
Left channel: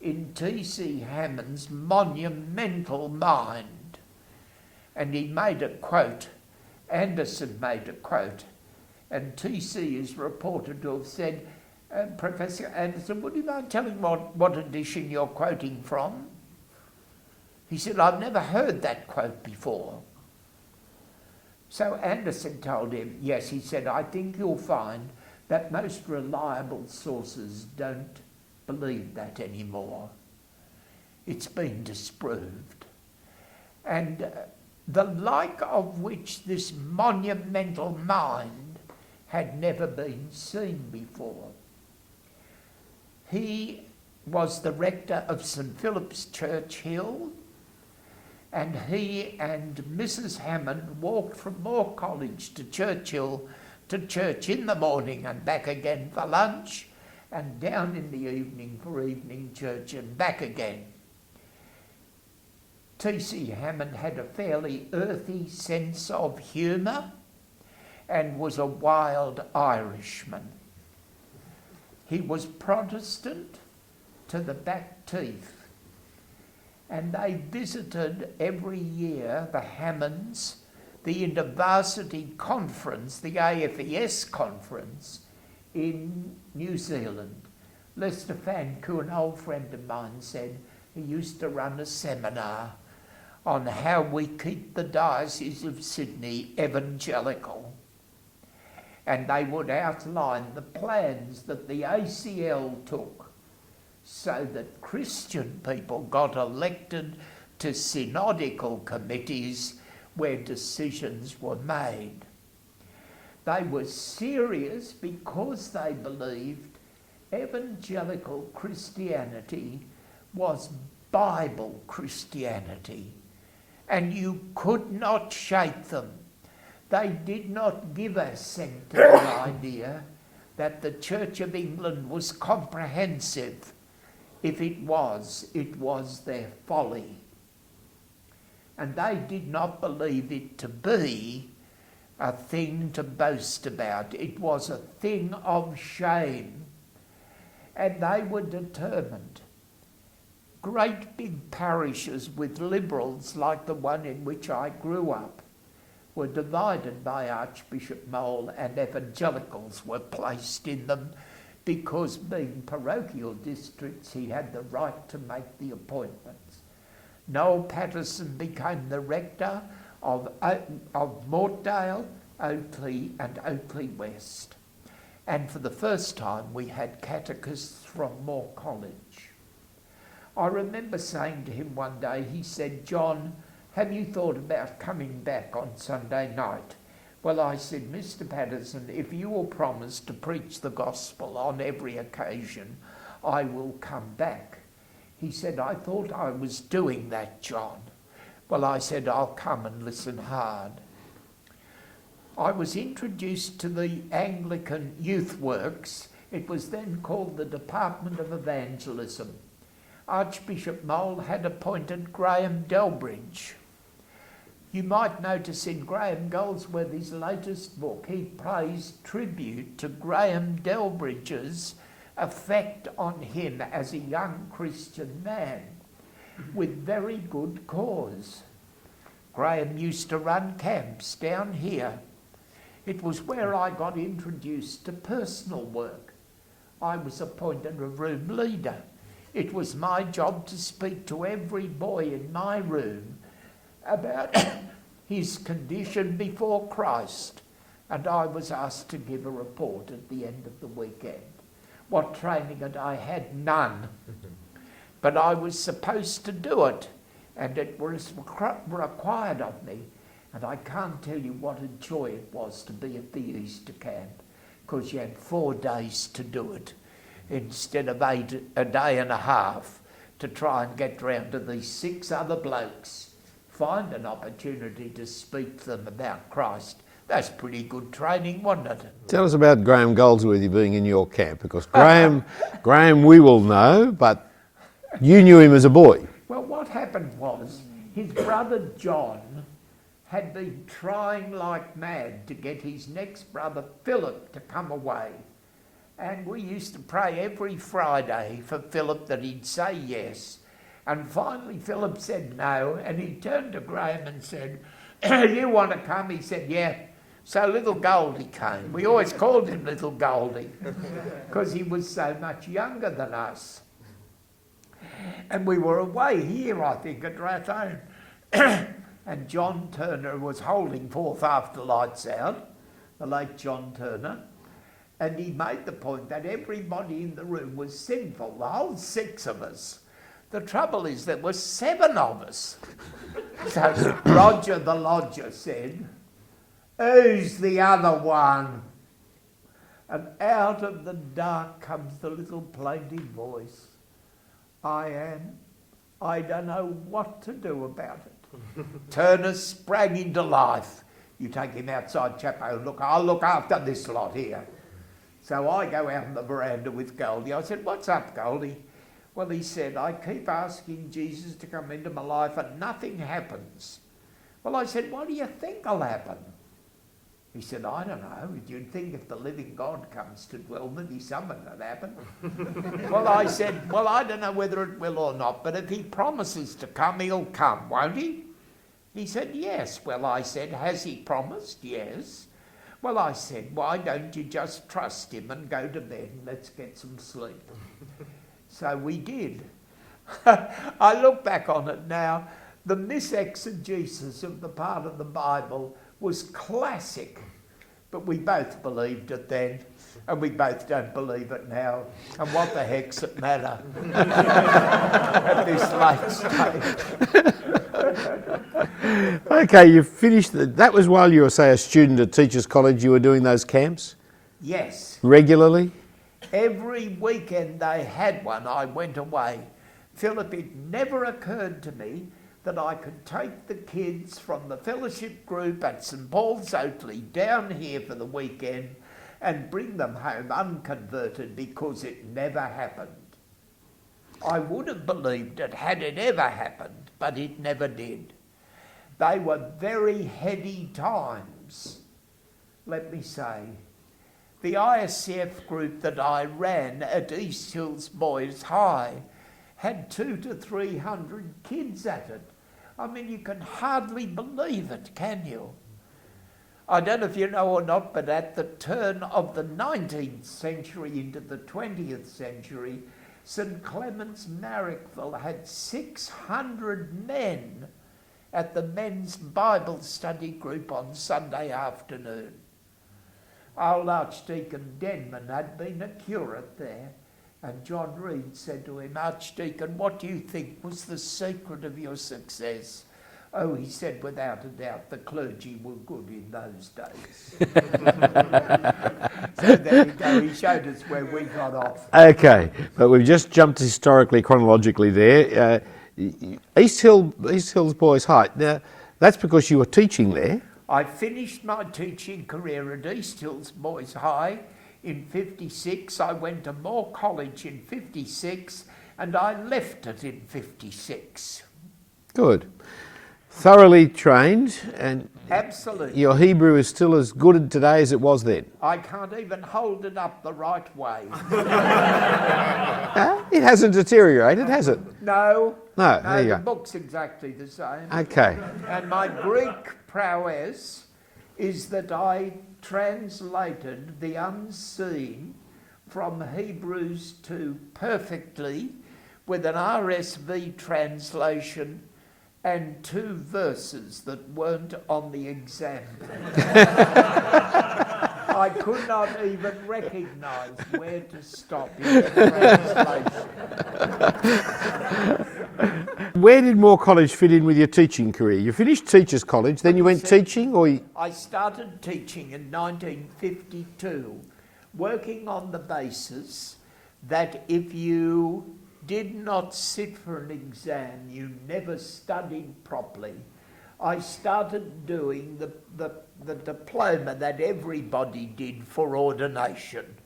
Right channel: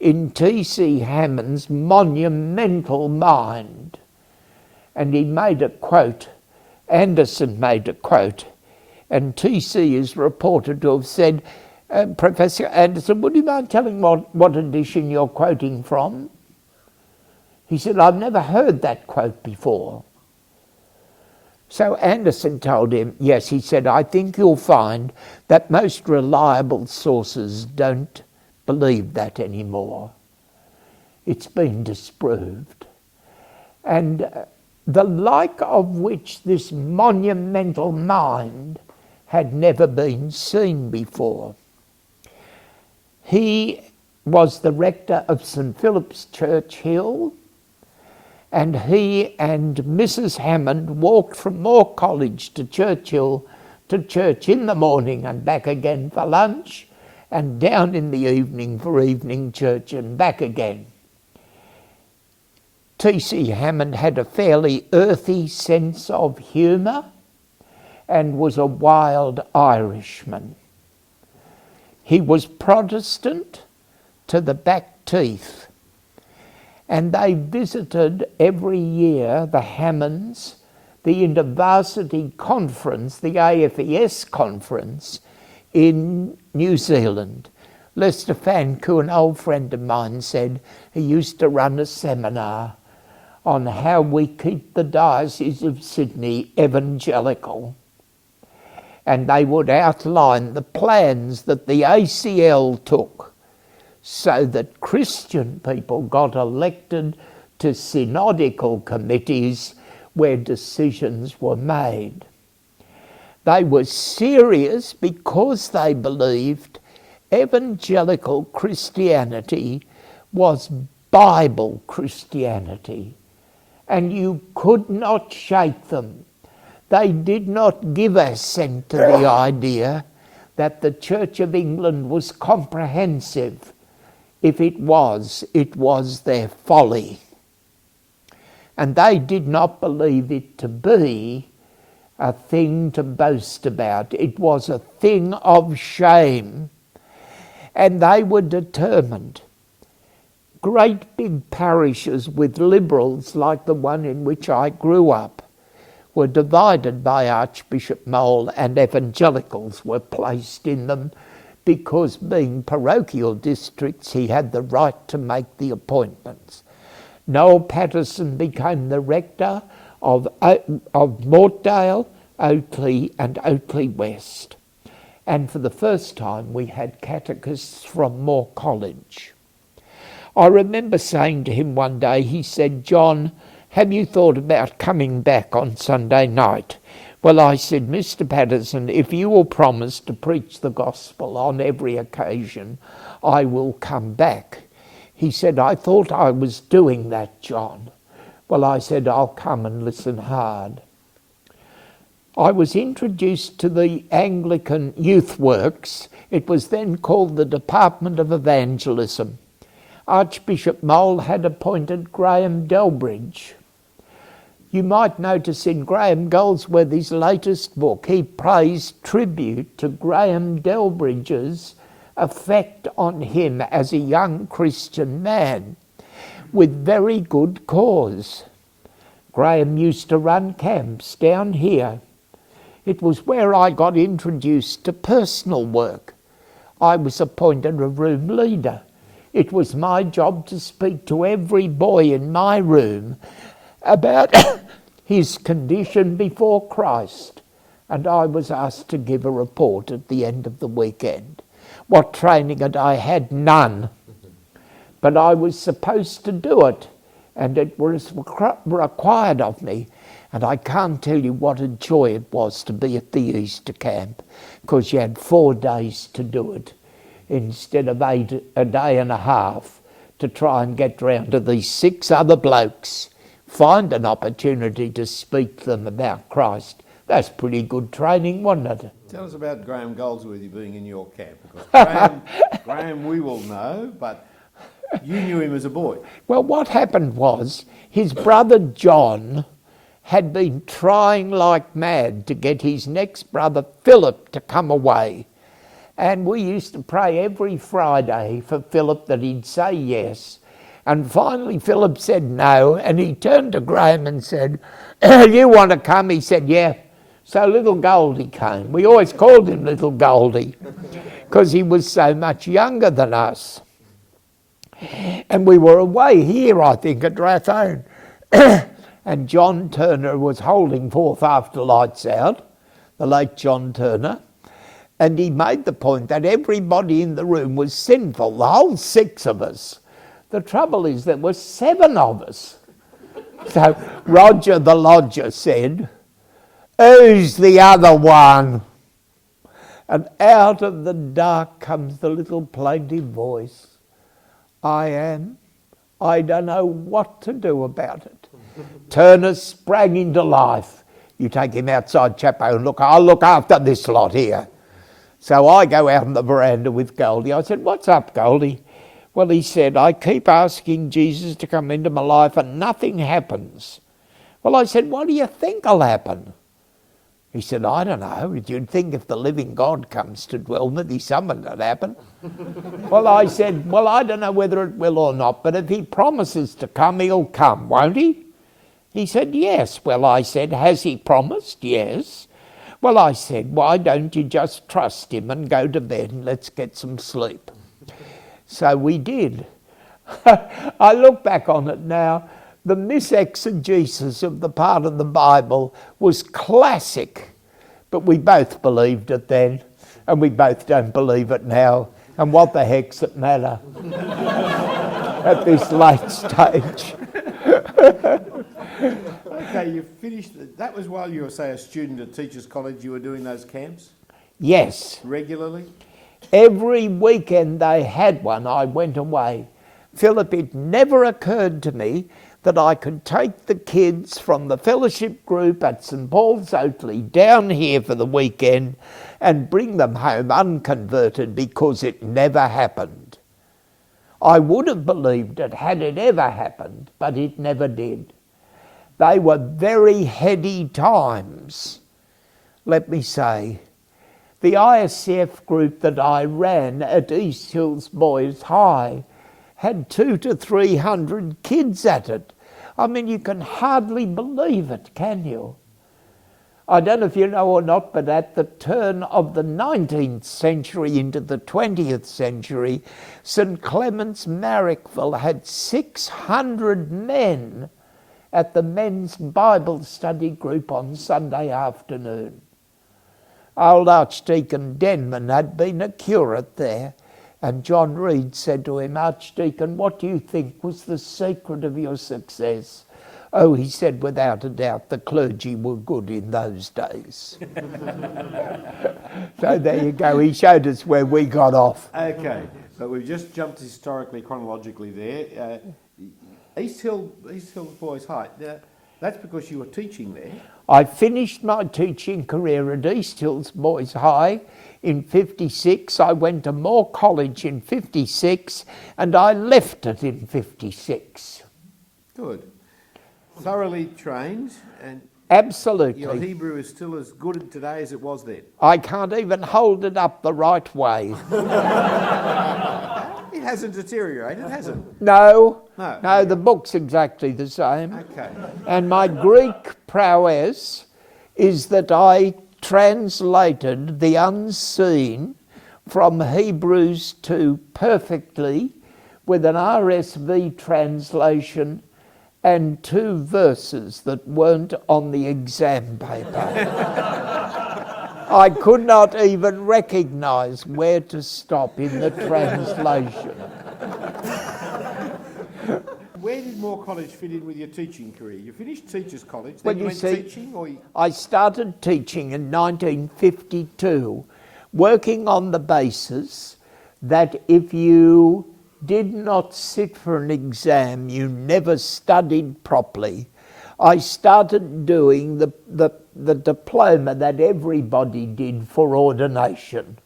in T.C. Hammond's monumental mind. And he made a quote, Anderson made a quote, and T.C. is reported to have said, Professor Anderson, would you mind telling what edition you're quoting from? He said, I've never heard that quote before. So Anderson told him, yes, he said, I think you'll find that most reliable sources don't believe that anymore. It's been disproved. And the like of which this monumental mind had never been seen before. He was the rector of St. Philip's Church Hill, and he and Mrs. Hammond walked from Moore College to Churchill to church in the morning and back again for lunch, and down in the evening for evening church and back again. T.C. Hammond had a fairly earthy sense of humour and was a wild Irishman. He was Protestant to the back teeth, and they visited every year the Hammonds, the InterVarsity Conference, the AFES Conference in New Zealand. Lester Fanku, an old friend of mine, said he used to run a seminar on how we keep the Diocese of Sydney evangelical. And they would outline the plans that the ACL took so that Christian people got elected to synodical committees where decisions were made. They were serious because they believed evangelical Christianity was Bible Christianity, and you could not shake them. They did not give assent to the idea that the Church of England was comprehensive. If it was their folly. And they did not believe it to be a thing to boast about. It was a thing of shame. And they were determined. Great big parishes with liberals like the one in which I grew up were divided by Archbishop Mole, and evangelicals were placed in them because, being parochial districts, he had the right to make the appointments. Noel Patterson became the rector of Mortdale, Oakley and Oakley West. And for the first time, we had catechists from Moore College. I remember saying to him one day, he said, "John, have you thought about coming back on Sunday night?" Well, I said, "Mr. Patterson, if you will promise to preach the gospel on every occasion, I will come back." He said, "I thought I was doing that, John." Well, I said, "I'll come and listen hard." I was introduced to the Anglican Youth Works. It was then called the Department of Evangelism. Archbishop Mole had appointed Graham Delbridge. You might notice in Graham Goldsworthy's latest book, he pays tribute to Graham Delbridge's effect on him as a young Christian man, with very good cause. Graham used to run camps down here. It was where I got introduced to personal work. I was appointed a room leader. It was my job to speak to every boy in my room about his condition before Christ, and I was asked to give a report at the end of the weekend. What training had I had? None. But I was supposed to do it, and it was required of me. And I can't tell you what a joy it was to be at the Easter camp, because you had 4 days to do it instead of a day and a half to try and get round to these 6 other blokes, find an opportunity to speak to them about Christ. That's pretty good training, wasn't it? Tell us about Graham Goldsworthy being in your camp, because Graham we will know, but you knew him as a boy. Well, what happened was his brother John had been trying like mad to get his next brother Phillip to come away. And we used to pray every Friday for Phillip that he'd say yes. And finally Phillip said no, and he turned to Graham and said, "You want to come?" He said, "Yeah." So little Goldie came. We always called him little Goldie because he was so much younger than us. And we were away here, I think, at Rathone. And John Turner was holding forth after lights out, the late John Turner, and he made the point that everybody in the room was sinful, the whole 6 of us. The trouble is there were 7 of us. So Roger the lodger said, "Who's the other one?" And out of the dark comes the little plaintive voice, "I am. I don't know what to do about it." Turner sprang into life. "You take him outside, Chapman, and I'll look after this lot here." So I go out on the veranda with Goldie. I said, "What's up, Goldie?" Well, he said, "I keep asking Jesus to come into my life and nothing happens." Well, I said, "What do you think will happen?" He said, "I don't know. You'd think if the living God comes to dwell with you, something would happen." Well, I said, "Well, I don't know whether it will or not, but if he promises to come, he'll come, won't he?" He said, "Yes." Well, I said, "Has he promised?" "Yes." Well, I said, "Why don't you just trust him and go to bed and let's get some sleep?" So we did. I look back on it now, the misexegesis of the part of the Bible was classic, but we both believed it then, and we both don't believe it now. And what the heck's it matter at this late stage? Okay, you finished. That was while you were, say, a student at Teachers College, you were doing those camps? Yes. Regularly? Every weekend they had one, I went away. Philip, it never occurred to me that I could take the kids from the fellowship group at St Paul's Oatley down here for the weekend and bring them home unconverted, because it never happened. I would have believed it had it ever happened, but it never did. They were very heady times, let me say. The ISCF group that I ran at East Hills Boys High had 200 to 300 kids at it. I mean, you can hardly believe it, can you? I don't know if you know or not, but at the turn of the 19th century into the 20th century, St Clement's Marrickville had 600 men at the men's Bible study group on Sunday afternoon. Old Archdeacon Denman had been a curate there, and John Reed said to him, "Archdeacon, what do you think was the secret of your success?" "Oh," he said, "without a doubt, the clergy were good in those days." So there you go, he showed us where we got off. Okay, but we've just jumped historically, chronologically there. East Hills Boys High. Now, that's because you were teaching there. I finished my teaching career at East Hills Boys High in 56. I went to Moore College in 56, and I left it in 56. Good. Thoroughly trained, and Absolutely. your Hebrew is still as good today as it was then. I can't even hold it up the right way. It hasn't deteriorated, has it? No, No, there you the go. book's exactly the same. Okay. And my Greek prowess is that I translated the unseen from Hebrews to perfectly with an RSV translation and 2 verses that weren't on the exam paper. I could not even recognise where to stop in the translation. Where did Moore College fit in with your teaching career? You finished Teachers College, then But you you went see, teaching, or I started teaching in 1952, working on the basis that if you did not sit for an exam, you never studied properly. I started doing the diploma that everybody did for ordination.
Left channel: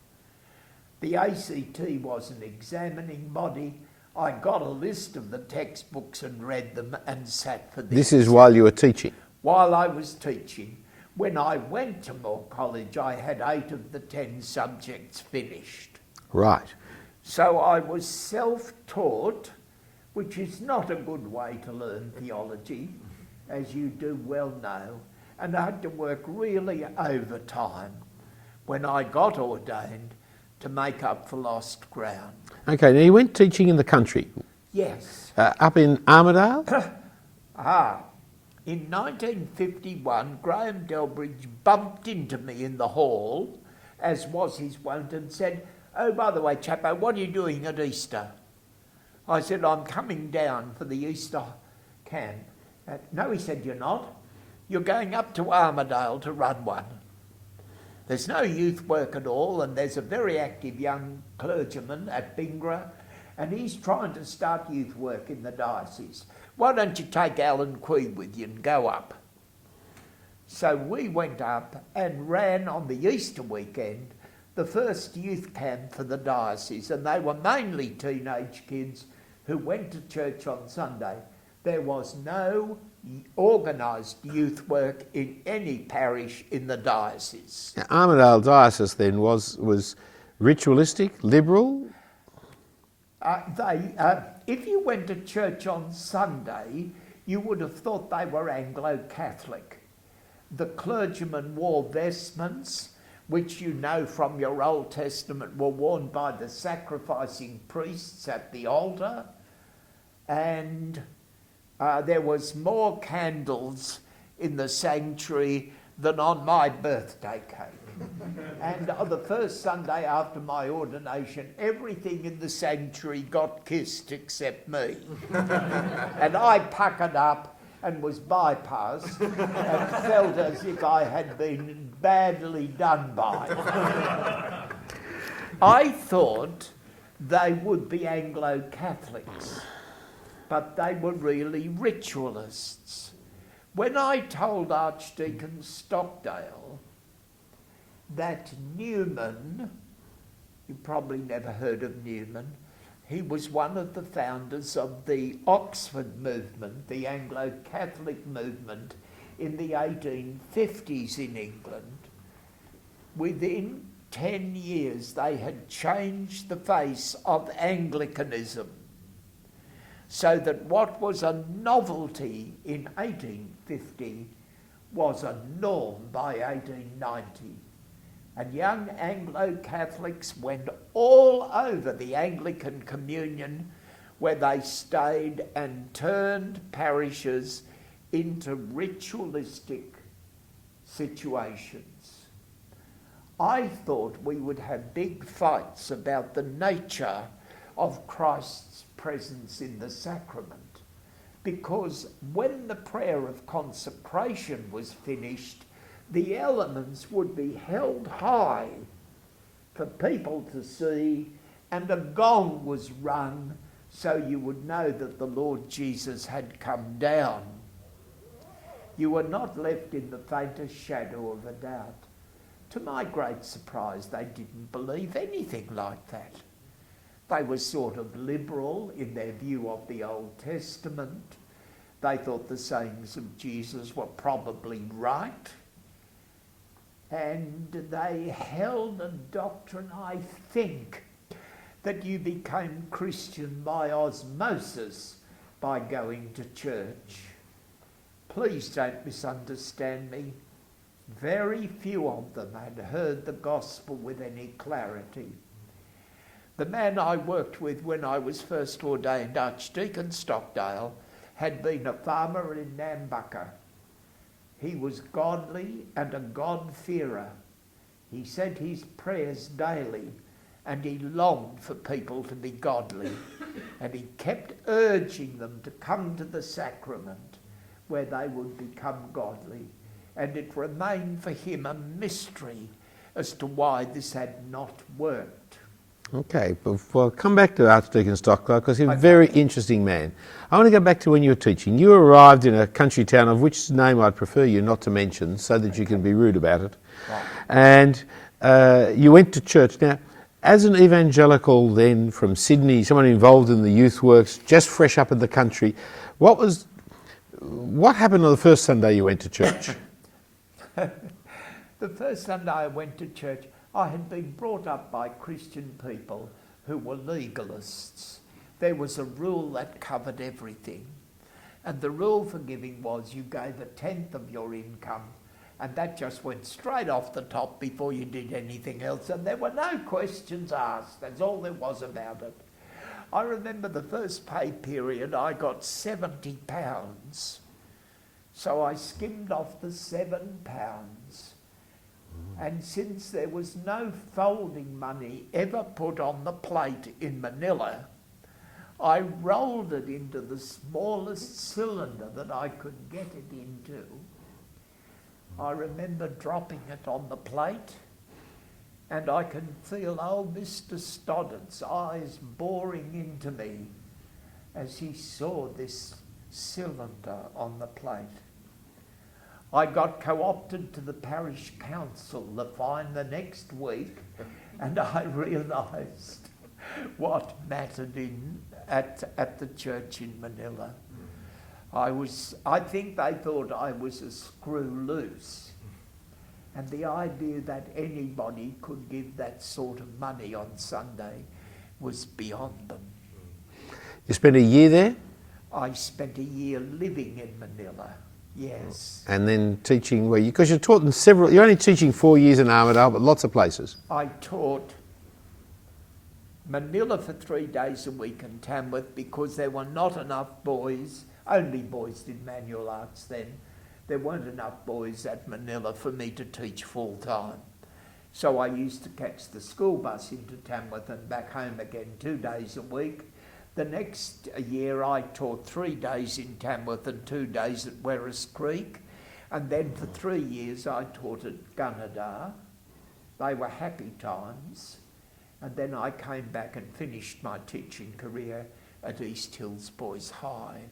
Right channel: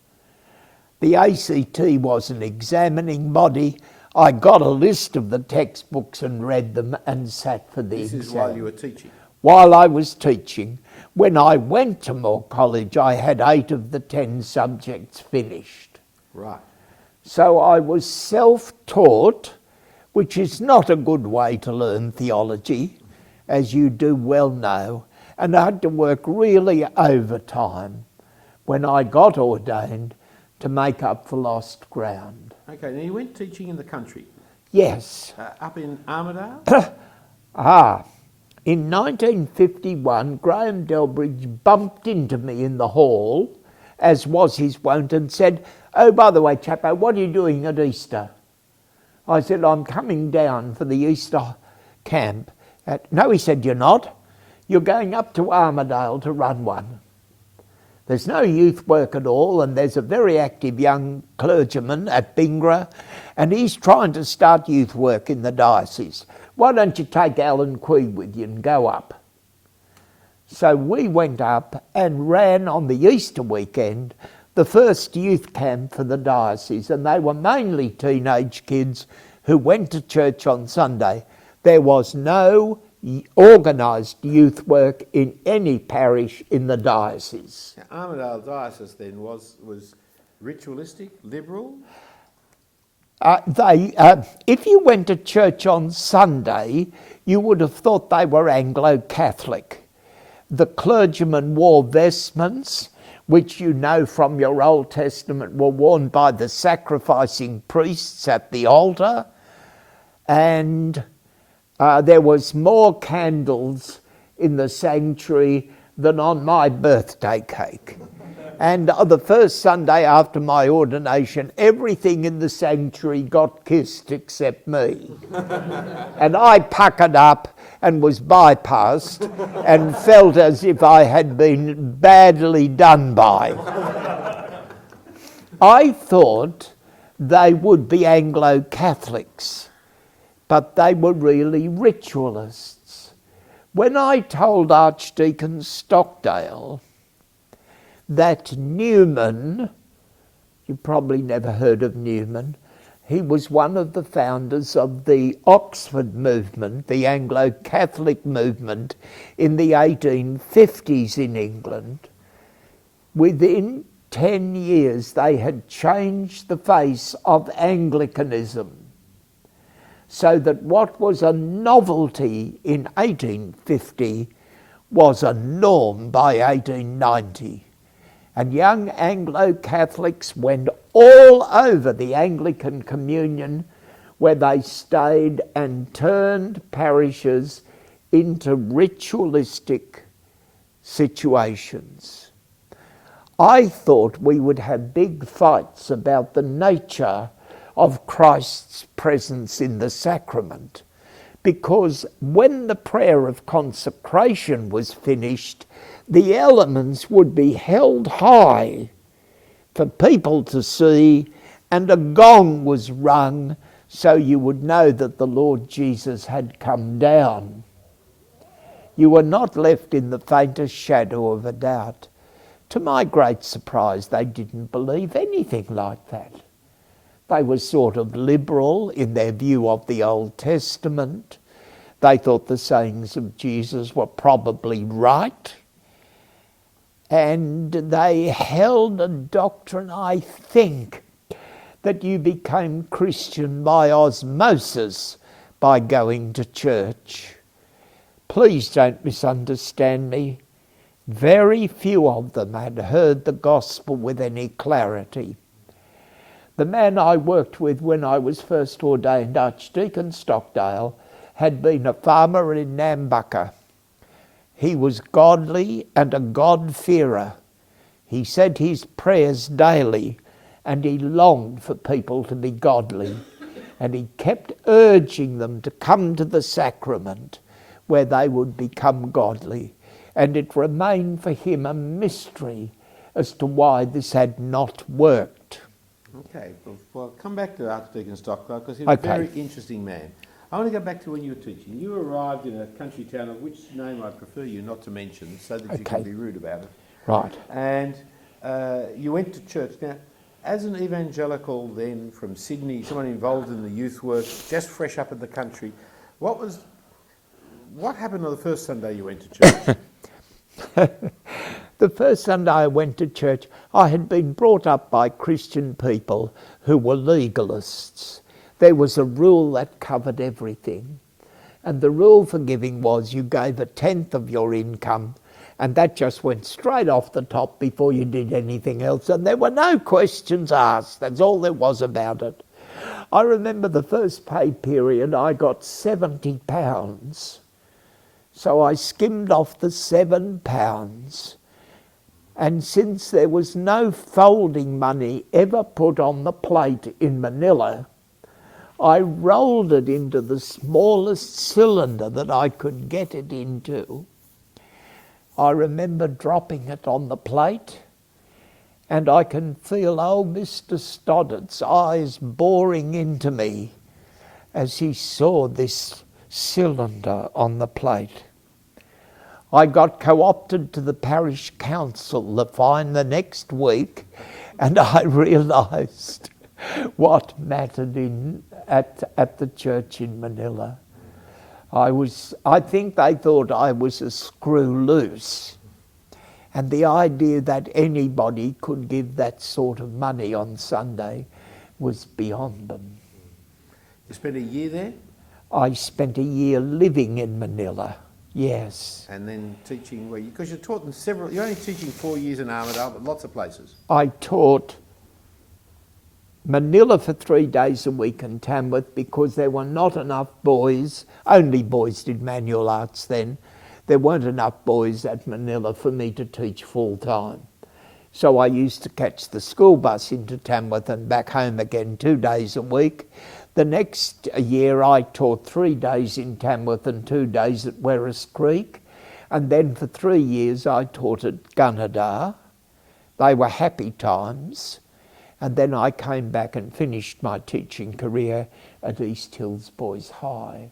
The ACT was an examining body. I got a list of the textbooks and read them and sat for the this exam. is while you were teaching? While I was teaching. When I went to Moore College, I had 8 of the 10 subjects finished. Right. So I was self-taught, which is not a good way to learn theology, as you do well know, and I had to work really overtime when I got ordained to make up for lost ground. Okay, now you went teaching in the country. Yes. Up in Armidale? In 1951, Graham Delbridge bumped into me in the hall, as was his wont, and said, "Oh, by the way, Chapman, what are you doing at Easter?" I said, "I'm coming down for the Easter camp." "No," he said, "you're not. You're going up to Armidale to run one. There's no youth work at all, and there's a very active young clergyman at Bingra, and he's trying to start youth work in the diocese. Why don't you take Alan Quee with you and go up?" So we went up and ran on the Easter weekend the first youth camp for the diocese, and they were mainly teenage kids who went to church on Sunday. There was no organised youth work in any parish in the diocese. Now, Armidale Diocese then was ritualistic, liberal? If you went to church on Sunday, you would have thought they were Anglo-Catholic. The clergymen wore vestments, which you know from your Old Testament were worn by the sacrificing priests at the altar, and there was more candles in the sanctuary than on my birthday cake. And the first Sunday after my ordination, everything in the sanctuary got kissed except me. And I puckered up and was bypassed and felt as if I had been badly done by. I thought they would be Anglo-Catholics, but they were really ritualists. When I told Archdeacon Stockdale that Newman, you probably never heard of Newman, he was one of the founders of the Oxford movement, the Anglo-Catholic movement in the 1850s in England. Within 10 years they had changed the face of Anglicanism, so that what was a novelty in 1850 was a norm by 1890. And young Anglo-Catholics went all over the Anglican Communion, where they stayed and turned parishes into ritualistic situations. I thought we would have big fights about the nature of Christ's presence in the sacrament, because when the prayer of consecration was finished, the elements would be held high for people to see, and a gong was rung so you would know that the Lord Jesus had come down. You were not left in the faintest shadow of a doubt. To my great surprise, they didn't believe anything like that. They were sort of liberal in their view of the Old Testament. They thought the sayings of Jesus were probably right. And they held a doctrine, I think, that you became Christian by osmosis by going to church. Please don't misunderstand me. Very few of them had heard the gospel with any clarity. The man I worked with when I was first ordained Archdeacon Stockdale had been a farmer in Nambucca. He was godly and a God-fearer. He said his prayers daily, and he longed for people to be godly. And he kept urging them to come to the sacrament where they would become godly. And it remained for him a mystery as to why this had not worked. Okay, well, come back to Archdeacon Stockdale, because he's a very interesting man. I want to go back to when you were teaching. You arrived in a country town of which name I'd prefer you not to mention so that you can be rude about it. Right. And you went to church. Now, as an evangelical then from Sydney, someone involved in the youth works, just fresh up in the country, what happened on the first Sunday you went to church? The first Sunday I went to church, I had been brought up by Christian people who were legalists. There was a rule that covered everything. And the rule for giving was you gave a tenth of your income, and that just went straight off the top before you did anything else. And there were no questions asked. That's all there was about it. I remember the first pay period, I got £70. So I skimmed off the £7. And since there was no folding money ever put on the plate in Manila, I rolled it into the smallest cylinder that I could get it into. I remember dropping it on the plate, and I can feel old Mr. Stoddart's eyes boring into me as he saw this cylinder on the plate. I got co-opted to the parish council the next week, and I realised what mattered at the church in Manila. I think they thought I was a screw loose, and the idea that anybody could give that sort of money on Sunday was beyond them. You spent a year there? I spent a year living in Manila. Yes. And then teaching where because you're taught in several, you're only teaching 4 years in Armidale, but lots of places. I taught Manila for 3 days a week in Tamworth because there were not enough boys, only boys did manual arts then, there weren't enough boys at Manila for me to teach full time. So I used to catch the school bus into Tamworth and back home again 2 days a week. The next year I taught 3 days in Tamworth and 2 days at Werris Creek. And then for 3 years I taught at Gunnedah. They were happy times. And then I came back and finished my teaching career at East Hills Boys High.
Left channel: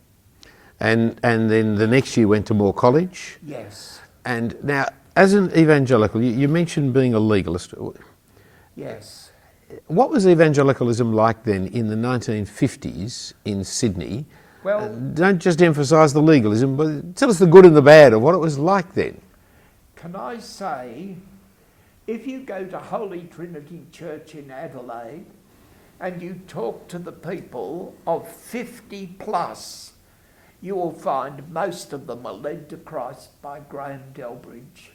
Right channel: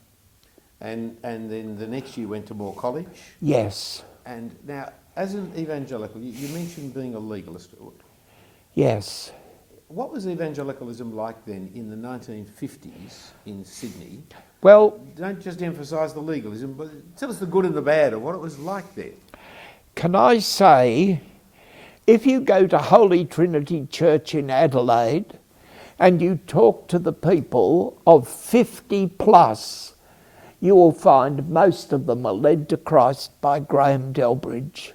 And then the next year went to Moore College? Yes. And now, as an evangelical, you mentioned being a legalist. Yes. What was evangelicalism like then in the 1950s in Sydney? Well, don't just emphasise the legalism, but tell us the good and the bad of what it was like then. Can I say, if you go to Holy Trinity Church in Adelaide and you talk to the people of 50 plus, you will find most of them are led to Christ by Graham Delbridge.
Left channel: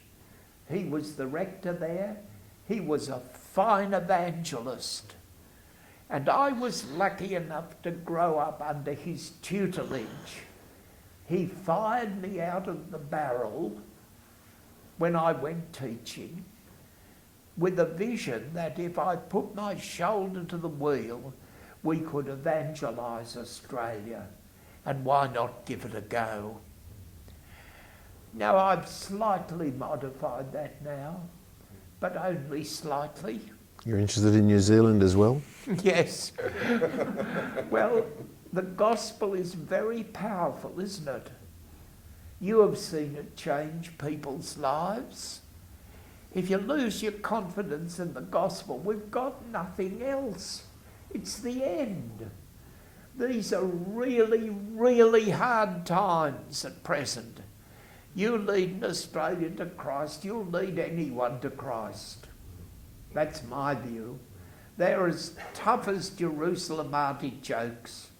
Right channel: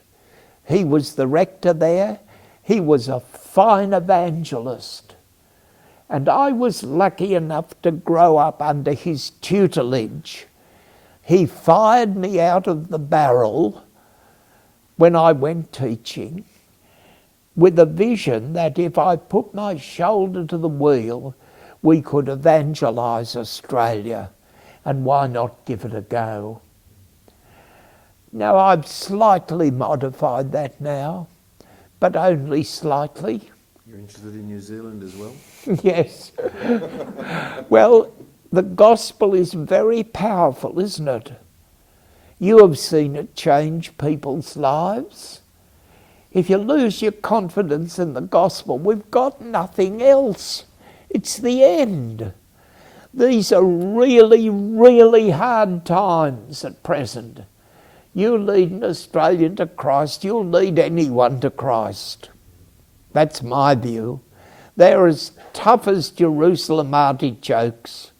He was the rector there. He was a fine evangelist. And I was lucky enough to grow up under his tutelage. He fired me out of the barrel when I went teaching. with a vision that if I put my shoulder to the wheel, we could evangelise Australia, and why not give it a go? Now, I've slightly modified that now, but only slightly. You're interested in New Zealand as well? Yes. Well, the gospel is very powerful, isn't it? You have seen it change people's lives. If you lose your confidence in the gospel, we've got nothing else. It's the end. These are really, really hard times at present. You lead an Australian to Christ, you'll lead anyone to Christ. That's my view. They're as tough as Jerusalem artichokes.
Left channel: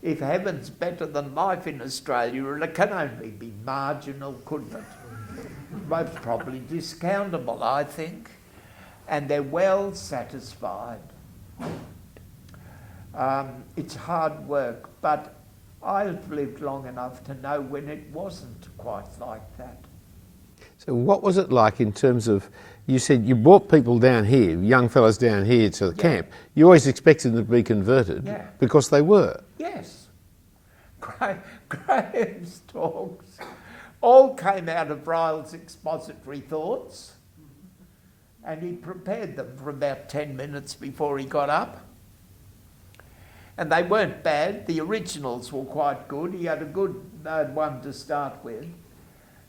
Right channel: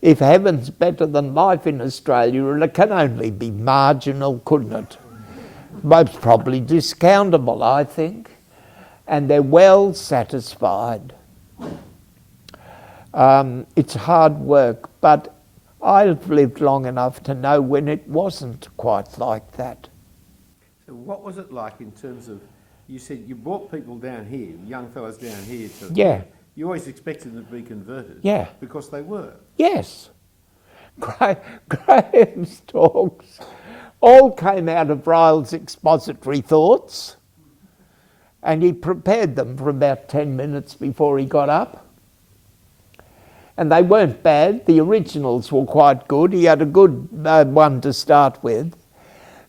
If heaven's better than life in Australia, it can only be marginal, couldn't it? Most probably discountable, I think. And they're well satisfied. It's hard work, but I've lived long enough to know when it wasn't quite like that. So what was it like in terms of, you said you brought people down here, young fellas down here to the camp. You always expected them to be converted. Yeah. Because they were. Yes. Graham's talks all came out of Ryle's expository thoughts, and he prepared them for about 10 minutes before he got up. And they weren't bad. The originals were quite good. He had a good one to start with.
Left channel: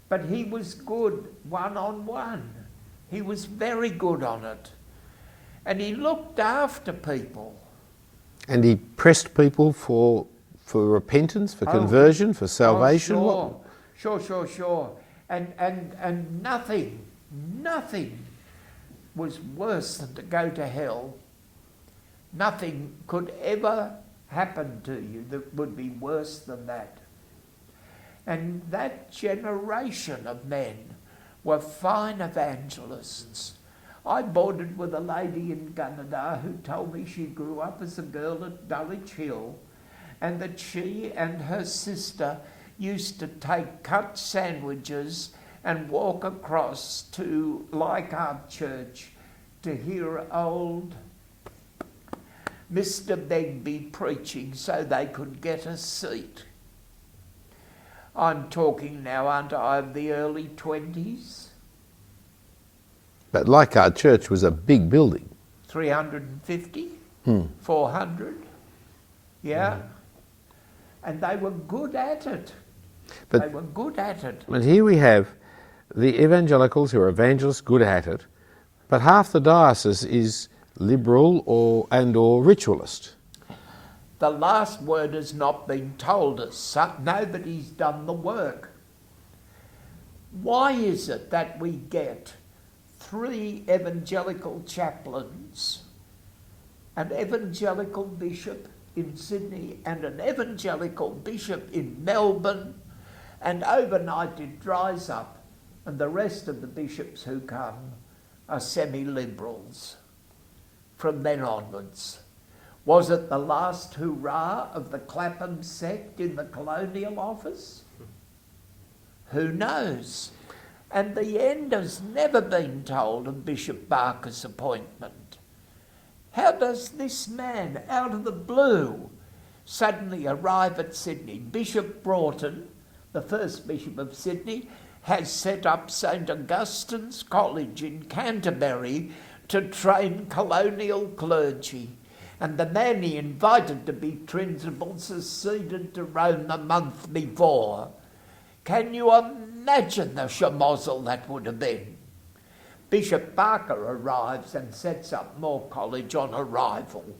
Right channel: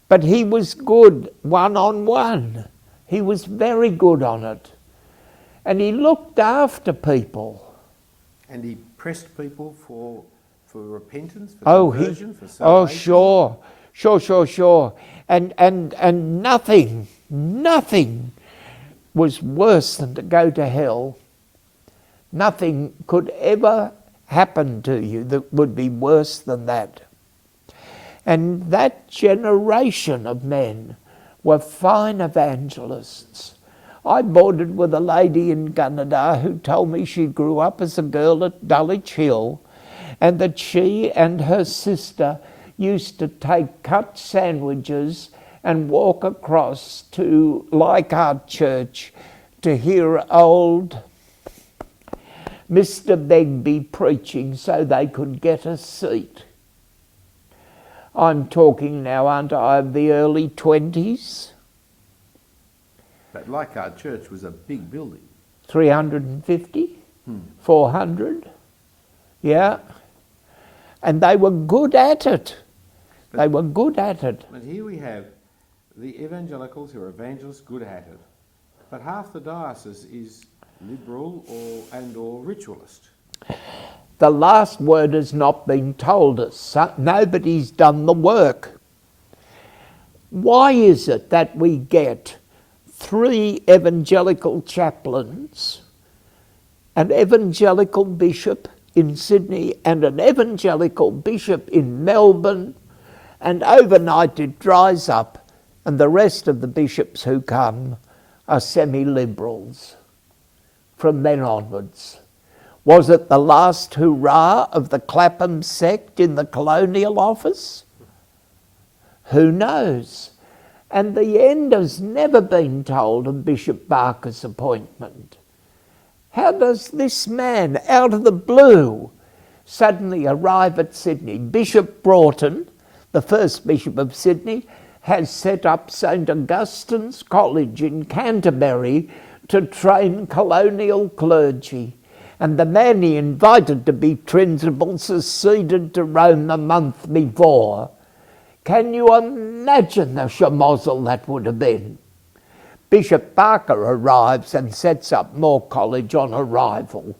But he was good one-on-one. He was very good on it. And he looked after people. And he pressed people for repentance, for conversion, for salvation? Oh, sure. And nothing was worse than to go to hell. Nothing could ever happen to you that would be worse than that. And that generation of men were fine evangelists. I boarded with a lady in Canada who told me she grew up as a girl at Dulwich Hill, and that she and her sister used to take cut sandwiches and walk across to Leichhardt Church to hear old Mr. Begbie preaching so they could get a seat. I'm talking now, aren't I, of the early 20s? But Leichhardt Church was a big building. 350, 400, yeah. And they were good at it. They were good at it. But here we have the evangelicals who are evangelists, good at it, but half the diocese is liberal or ritualist. The last word has not been told us. Nobody's done the work. Why is it that we get 3 evangelical chaplains, an evangelical bishop in Sydney and an evangelical bishop in Melbourne, and overnight it dries up and the rest of the bishops who come are semi-liberals from then onwards? Was it the last hurrah of the Clapham sect in the Colonial Office? Who knows? And the end has never been told of Bishop Barker's appointment. How does this man, out of the blue, suddenly arrive at Sydney? Bishop Broughton, the first Bishop of Sydney, has set up St Augustine's College in Canterbury to train colonial clergy. And the man he invited to be principal seceded to Rome a month before. Can you imagine the schmozzle that would have been? Bishop Barker arrives and sets up Moore College on arrival.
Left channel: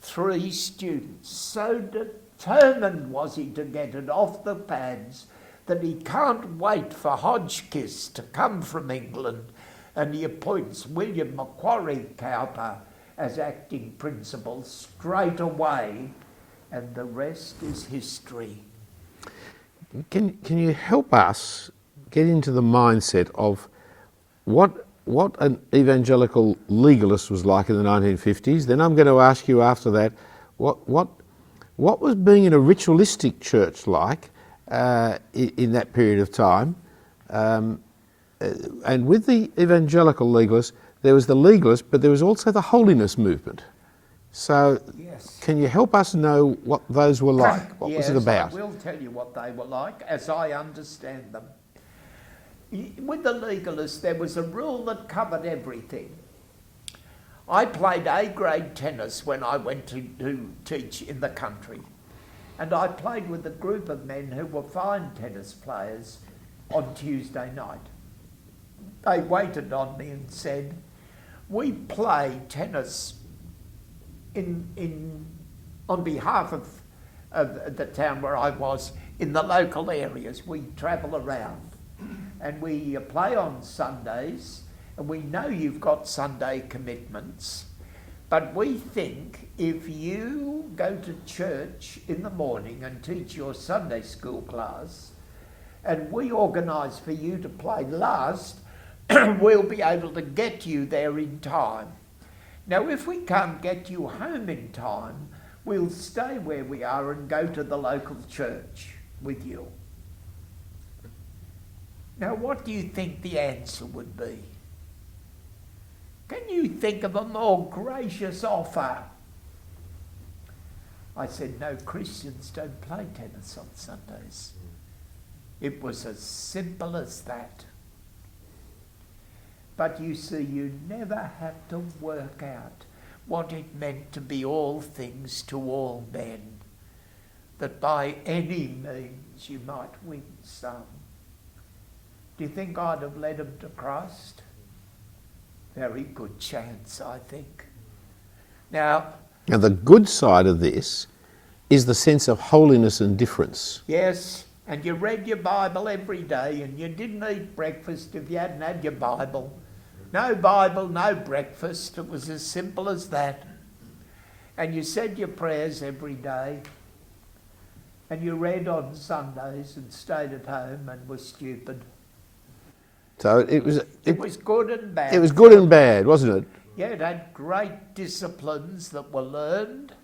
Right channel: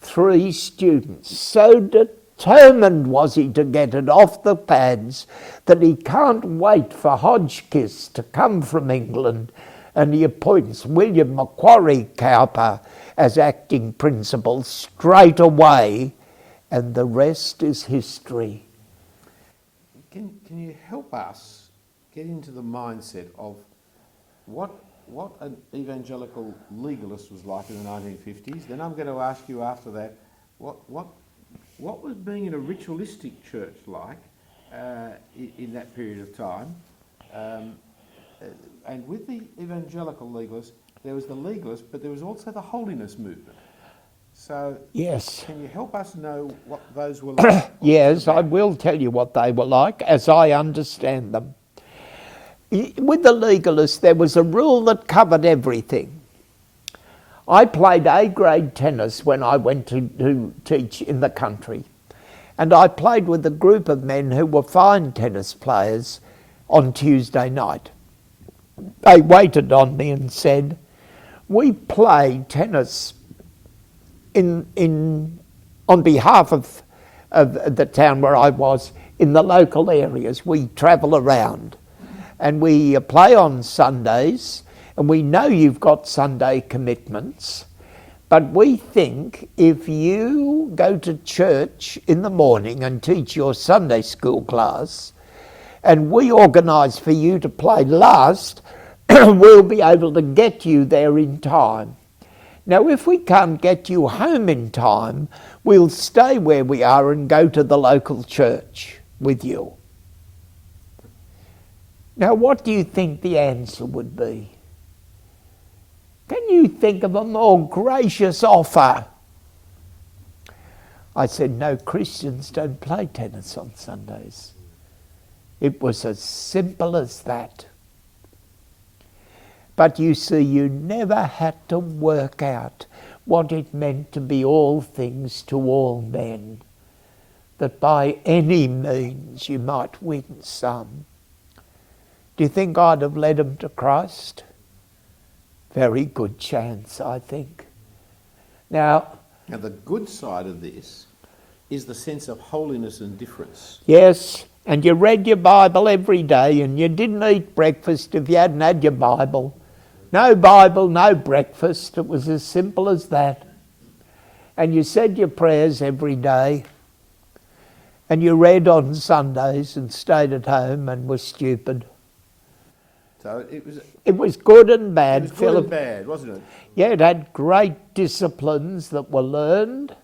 3 students. So determined was he to get it off the pads that he can't wait for Hodgkiss to come from England, and he appoints William Macquarie Cowper as acting principal straight away, and the rest is history. Can you help us get into the mindset of what an evangelical legalist was like in the 1950s? Then I'm going to ask you after that, what was being in a ritualistic church like in that period of time? and with the evangelical legalists, there was the legalists, but there was also the holiness movement. So, Yes. can you help us know what those were like? What was Yes, it I about? will tell you what they were like, as I understand them. With the legalists, there was a rule that covered everything. I played A-grade tennis when I went to teach in the country. And I played with a group of men who were fine tennis players on Tuesday night. They waited on me and said, we play tennis on behalf of the town where I was, in the local areas. We travel around and we play on Sundays, and we know you've got Sunday commitments, but we think if you go to church in the morning and teach your Sunday school class, and we organise for you to play last, we'll be able to get you there in time. Now, if we can't get you home in time, we'll stay where we are and go to the local church with you. Now, what do you think the answer would be? Can you think of a more gracious offer? I said, no, Christians don't play tennis on Sundays. It was as simple as that. But you see, you never had to work out what it meant to be all things to all men, that by any means you might win some. Do you think I'd have led them to Christ? Very good chance, I think. Now, the good side of this is the sense of holiness and difference. yes, and you read your Bible every day, and you didn't eat breakfast if you hadn't had your Bible. No Bible, no breakfast. It was as simple as that. And you said your prayers every day, and you read on Sundays and stayed at home and were stupid. So it was good and bad. It was good Phillip. and bad, wasn't it? Yeah, it had great disciplines that were learned,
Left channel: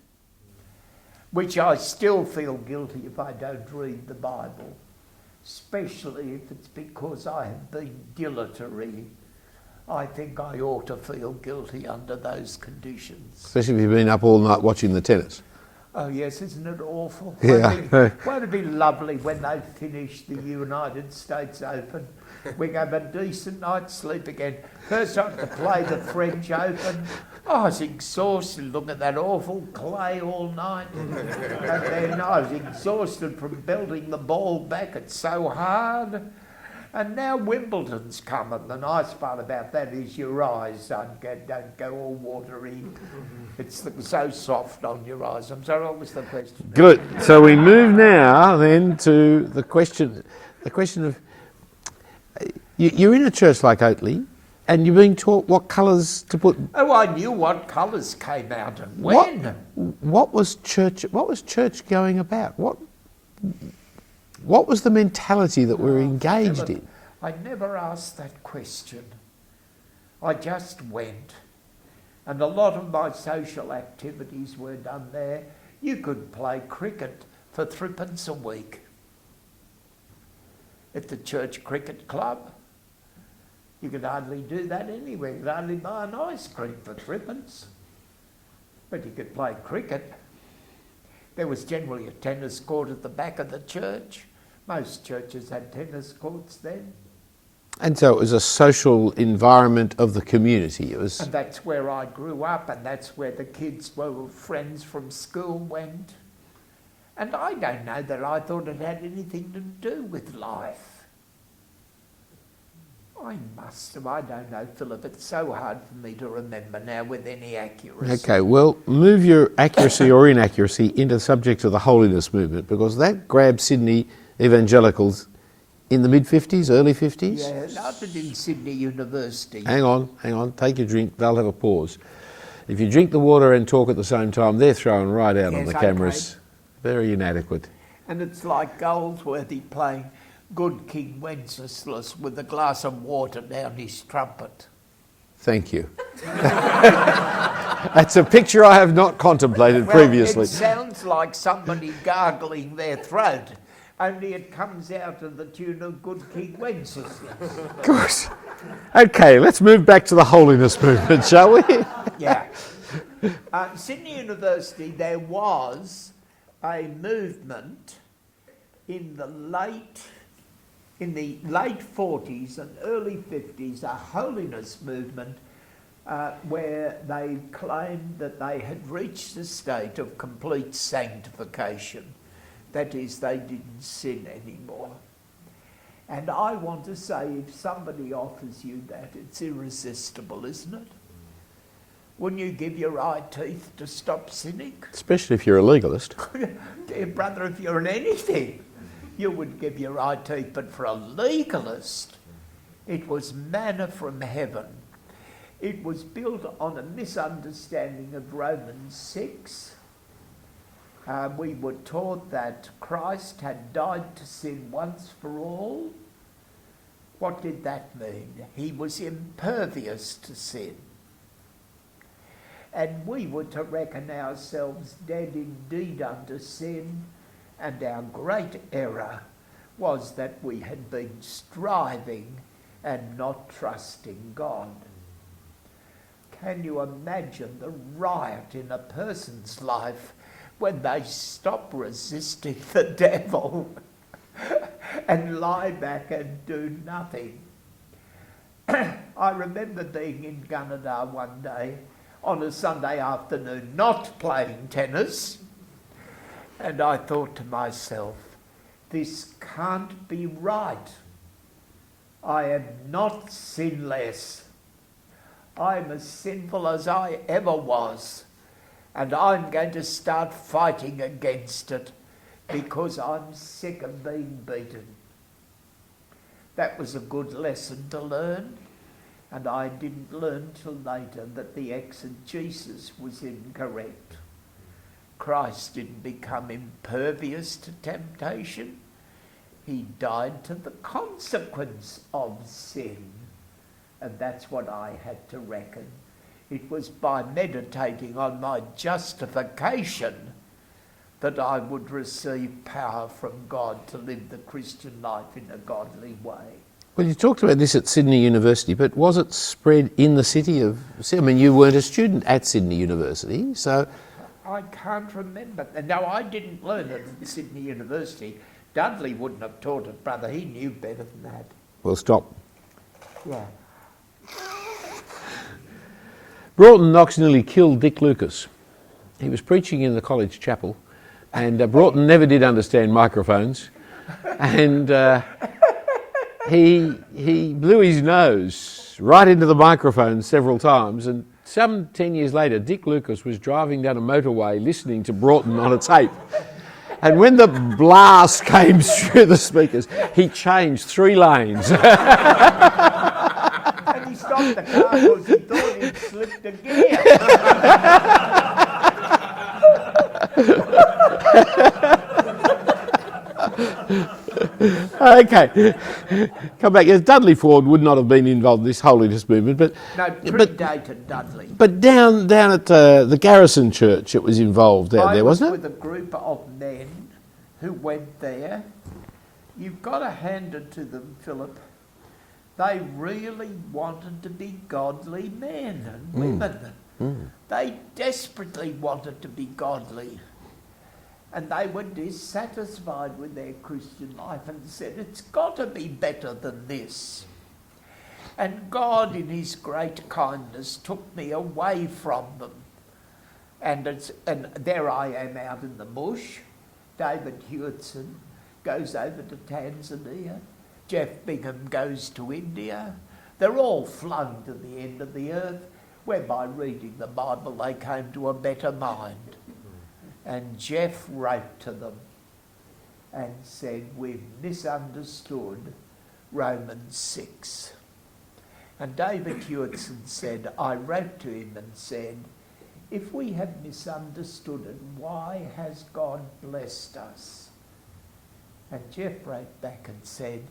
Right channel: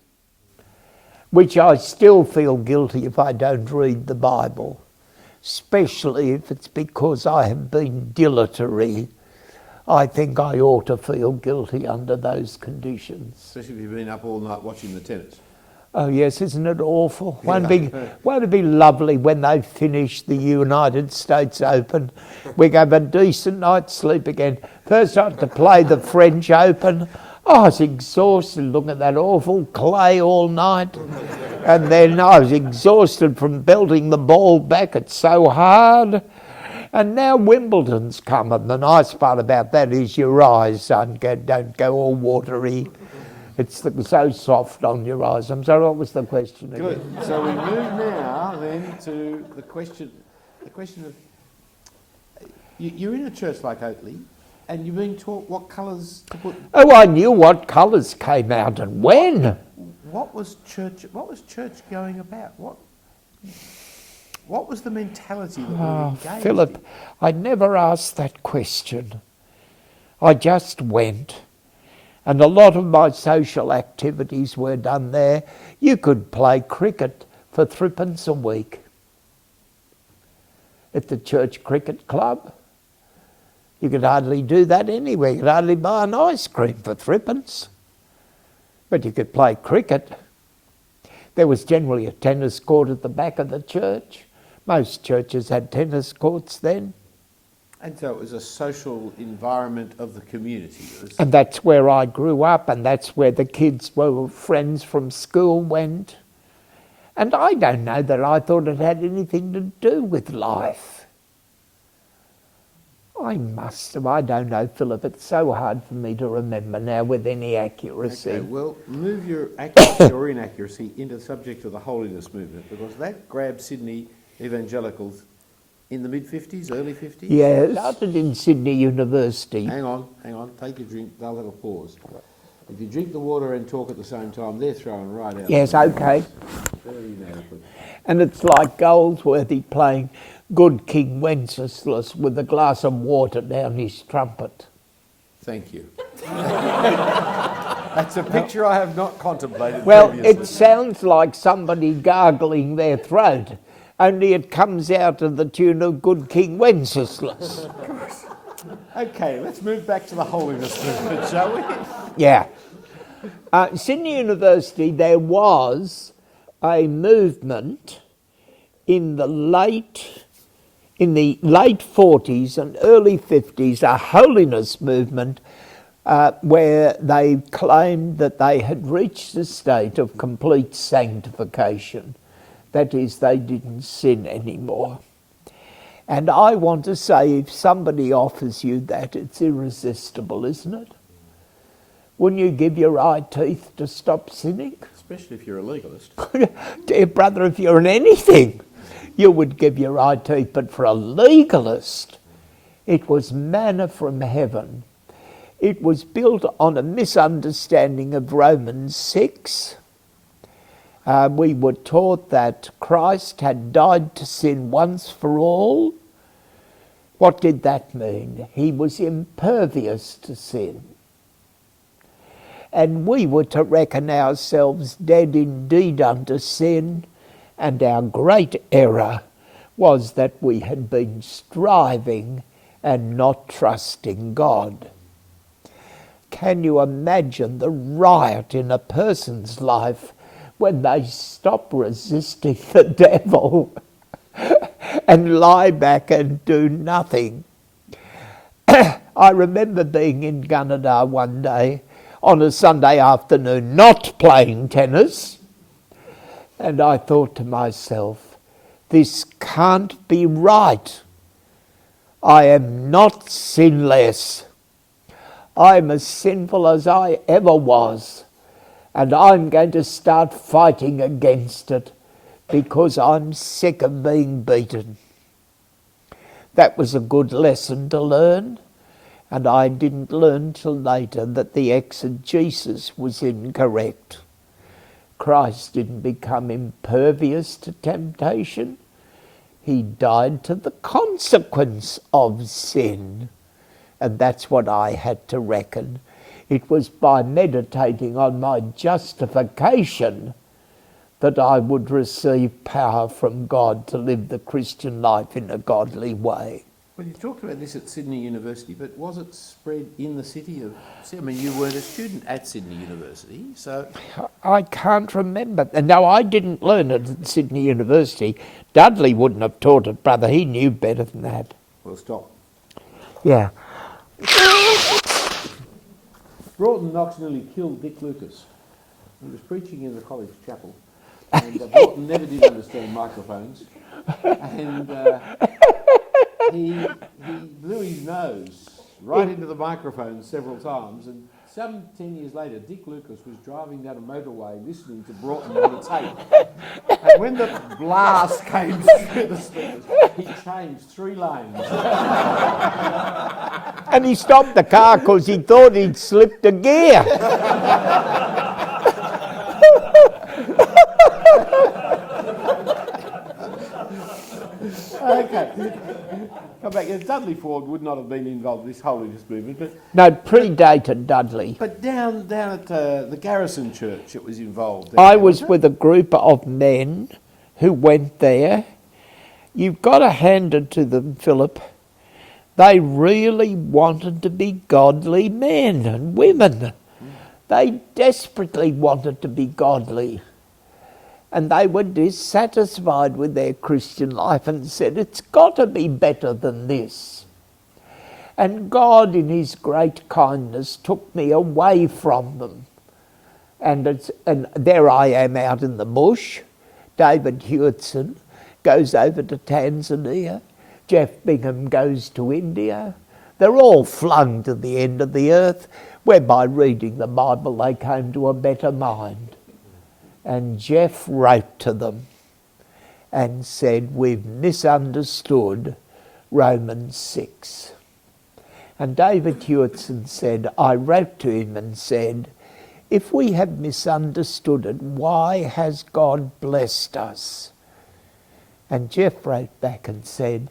which I still feel guilty if I don't read the Bible, especially if it's because I have been dilatory. I think I ought to feel guilty under those conditions. Especially if you've been up all night watching the tennis. Oh yes, isn't it awful? Yeah. Won't it be lovely when they finish the United States Open? We have a decent night's sleep again. First I had to play the French Open. Oh, I was exhausted looking at that awful clay all night. And then I was exhausted from belting the ball back. It's so hard. And now Wimbledon's come, and the nice part about that is your eyes don't go all watery. It's so soft on your eyes. I'm sorry, what was the question? Good. So we move now then to the question of, you're in a church like Oatley, and you're being taught what colours to put. Oh, I knew what colours came out and when. What was church going about? What was the mentality that we were engaged Phillip, in? I never asked that question. I just went. And a lot of my social activities were done there. You could play cricket for 3p a week at the church cricket club. You could hardly do that anywhere. You could hardly buy an ice cream for 3p. But you could play cricket. There was generally a tennis court at the back of the church. Most churches had tennis courts then. And so it was a social environment of the community. And that's where I grew up, and that's where the kids were friends from school went. And I don't know that I thought it had anything to do with life. I must have, I don't know, Phillip. It's so hard for me to remember now with any accuracy. Okay, well, move your accuracy or inaccuracy into the subject of the holiness movement, because that grabbed Sydney evangelicals in the mid-50s, early 50s? Yeah, it started in Sydney University. Hang on, take your drink, they'll have a pause. If you drink the water and talk at the same time, they're thrown right out Yes, on the okay. cameras. Very inadequate. And it's like Goldsworthy playing Good King Wenceslas with a glass of water down his trumpet. Thank you. That's a picture I have not contemplated previously. It sounds like somebody gargling their throat. only it comes out of the tune of Good King Wenceslas. Of course. Okay, let's move back to the holiness movement, shall we? Yeah. Sydney University, there was a movement in the late 40s and early 50s, a holiness movement where they claimed that they had reached the state of complete sanctification. That is, they didn't sin anymore. And I want to say, if somebody offers you that, it's irresistible, isn't it? Wouldn't you give your eye teeth to stop sinning? Especially if you're a legalist. Dear brother, if you're in anything, you would give your eye teeth. But for a legalist, it was manna from heaven. It was built on a misunderstanding of Romans 6. We were taught that Christ had died to sin once for all. What did that mean? He was impervious to sin. And we were to reckon ourselves dead indeed unto sin, and our great error was that we had been striving and not trusting God. Can you imagine the riot in a person's life when they stop resisting the devil and lie back and do nothing? I remember being in Gunnedah one day on a Sunday afternoon, not playing tennis, and I thought to myself, this can't be right. I am not sinless. I'm as sinful as I ever was, and I'm going to start fighting against it because I'm sick of being beaten. That was a good lesson to learn, and I didn't learn till later that the exegesis was incorrect. Christ didn't become impervious to temptation. He died to the consequence of sin. And that's what I had to reckon. It was by meditating on my justification that I would receive power from God to live the Christian life in a godly way. Well, you talked about this at Sydney University, but was it spread in the city of... I mean, you weren't a student at Sydney University, so... I can't remember. No, I didn't learn it at Sydney University. Dudley wouldn't have taught it, brother. He knew better than that. Well, stop. Yeah. Broughton Knox nearly killed Dick Lucas. He was preaching in the college chapel, and Broughton never did understand microphones, and he blew his nose right into the microphone several times, and some 10 years later, Dick Lucas was driving down a motorway listening to Broughton on a tape, and when the blast came through the speakers, he changed 3 lanes. And he stopped the car because he thought he'd slipped a gear. Okay, come back. Yes, Dudley Ford would not have been involved in this holiness movement, but No, predated Dudley. but down at the Garrison Church, it was involved. I there, was wasn't it? with a group of men who went there. You've got to hand it to them, Phillip. They really wanted to be godly men and women. They desperately wanted to be godly. And they were dissatisfied with their Christian life and said, it's got to be better than this. And God, in his great kindness, took me away from them. And there I am out in the bush. David Hewitson goes over to Tanzania. Jeff Bingham goes to India. They're all flung to the end of the earth, where by reading the Bible they came to a better mind. And Jeff wrote to them and said, we've misunderstood Romans 6. And David Hewitson said, I wrote to him and said, if we have misunderstood it, why has God blessed us? And Jeff wrote back and said,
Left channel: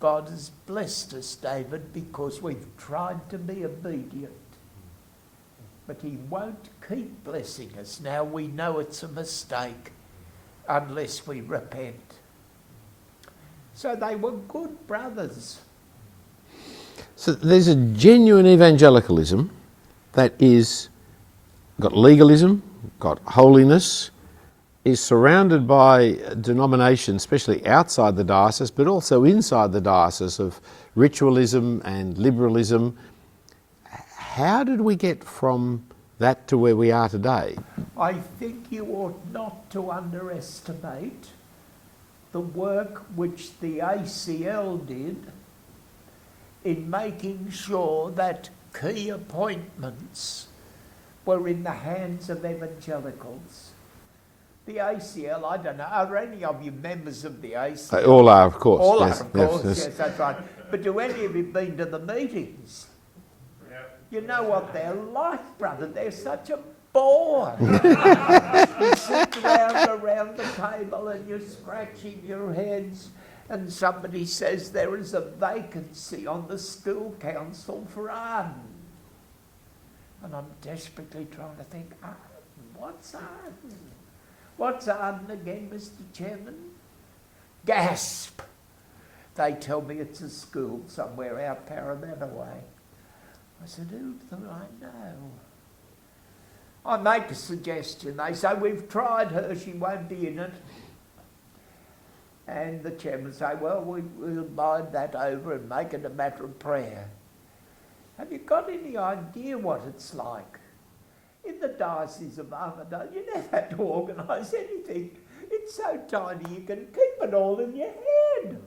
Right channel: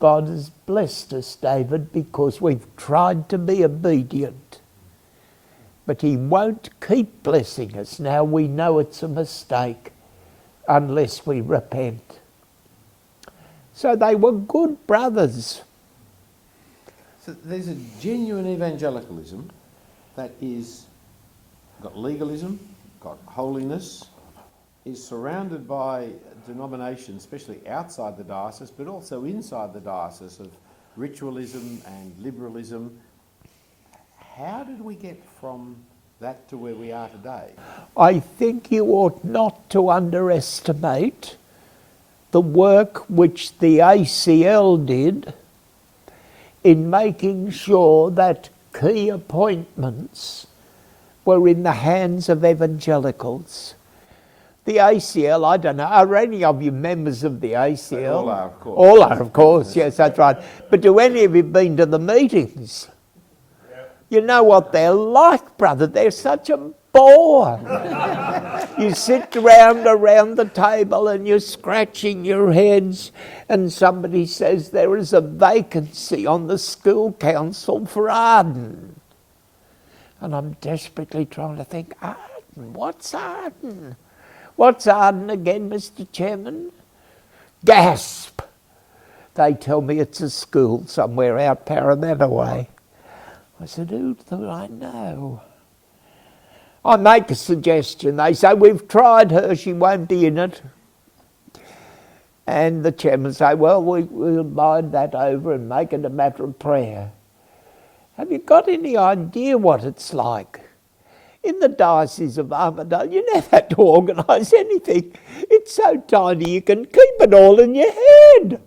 God has blessed us, David, because we've tried to be obedient. But he won't keep blessing us. Now we know it's a mistake unless we repent. So they were good brothers. So there's a genuine evangelicalism that is got legalism, got holiness, is surrounded by denominations, especially outside the diocese, but also inside the diocese, of ritualism and liberalism. How did we get from that to where we are today? I think you ought not to underestimate the work which the ACL did in making sure that key appointments were in the hands of evangelicals. The ACL, I don't know, are any of you members of the ACL? They all are, of course. All Yes, are, of course, yes. yes, that's right. But do any of you been to the meetings? You know what they're like, brother. They're such a bore. You sit around the table and you're scratching your heads, and somebody says there is a vacancy on the school council for Arden. And I'm desperately trying to think, Arden, what's Arden? What's Arden again, Mr. Chairman? Gasp! They tell me it's a school somewhere out Parramatta way. I said, who do I know? I make a suggestion. They say, we've tried her, she won't be in it. And the chairman say, well, we'll mind that over and make it a matter of prayer. Have you got any idea what it's like? In the Diocese of Armidale, you never had to organise anything. It's so tiny you can keep it all in your head.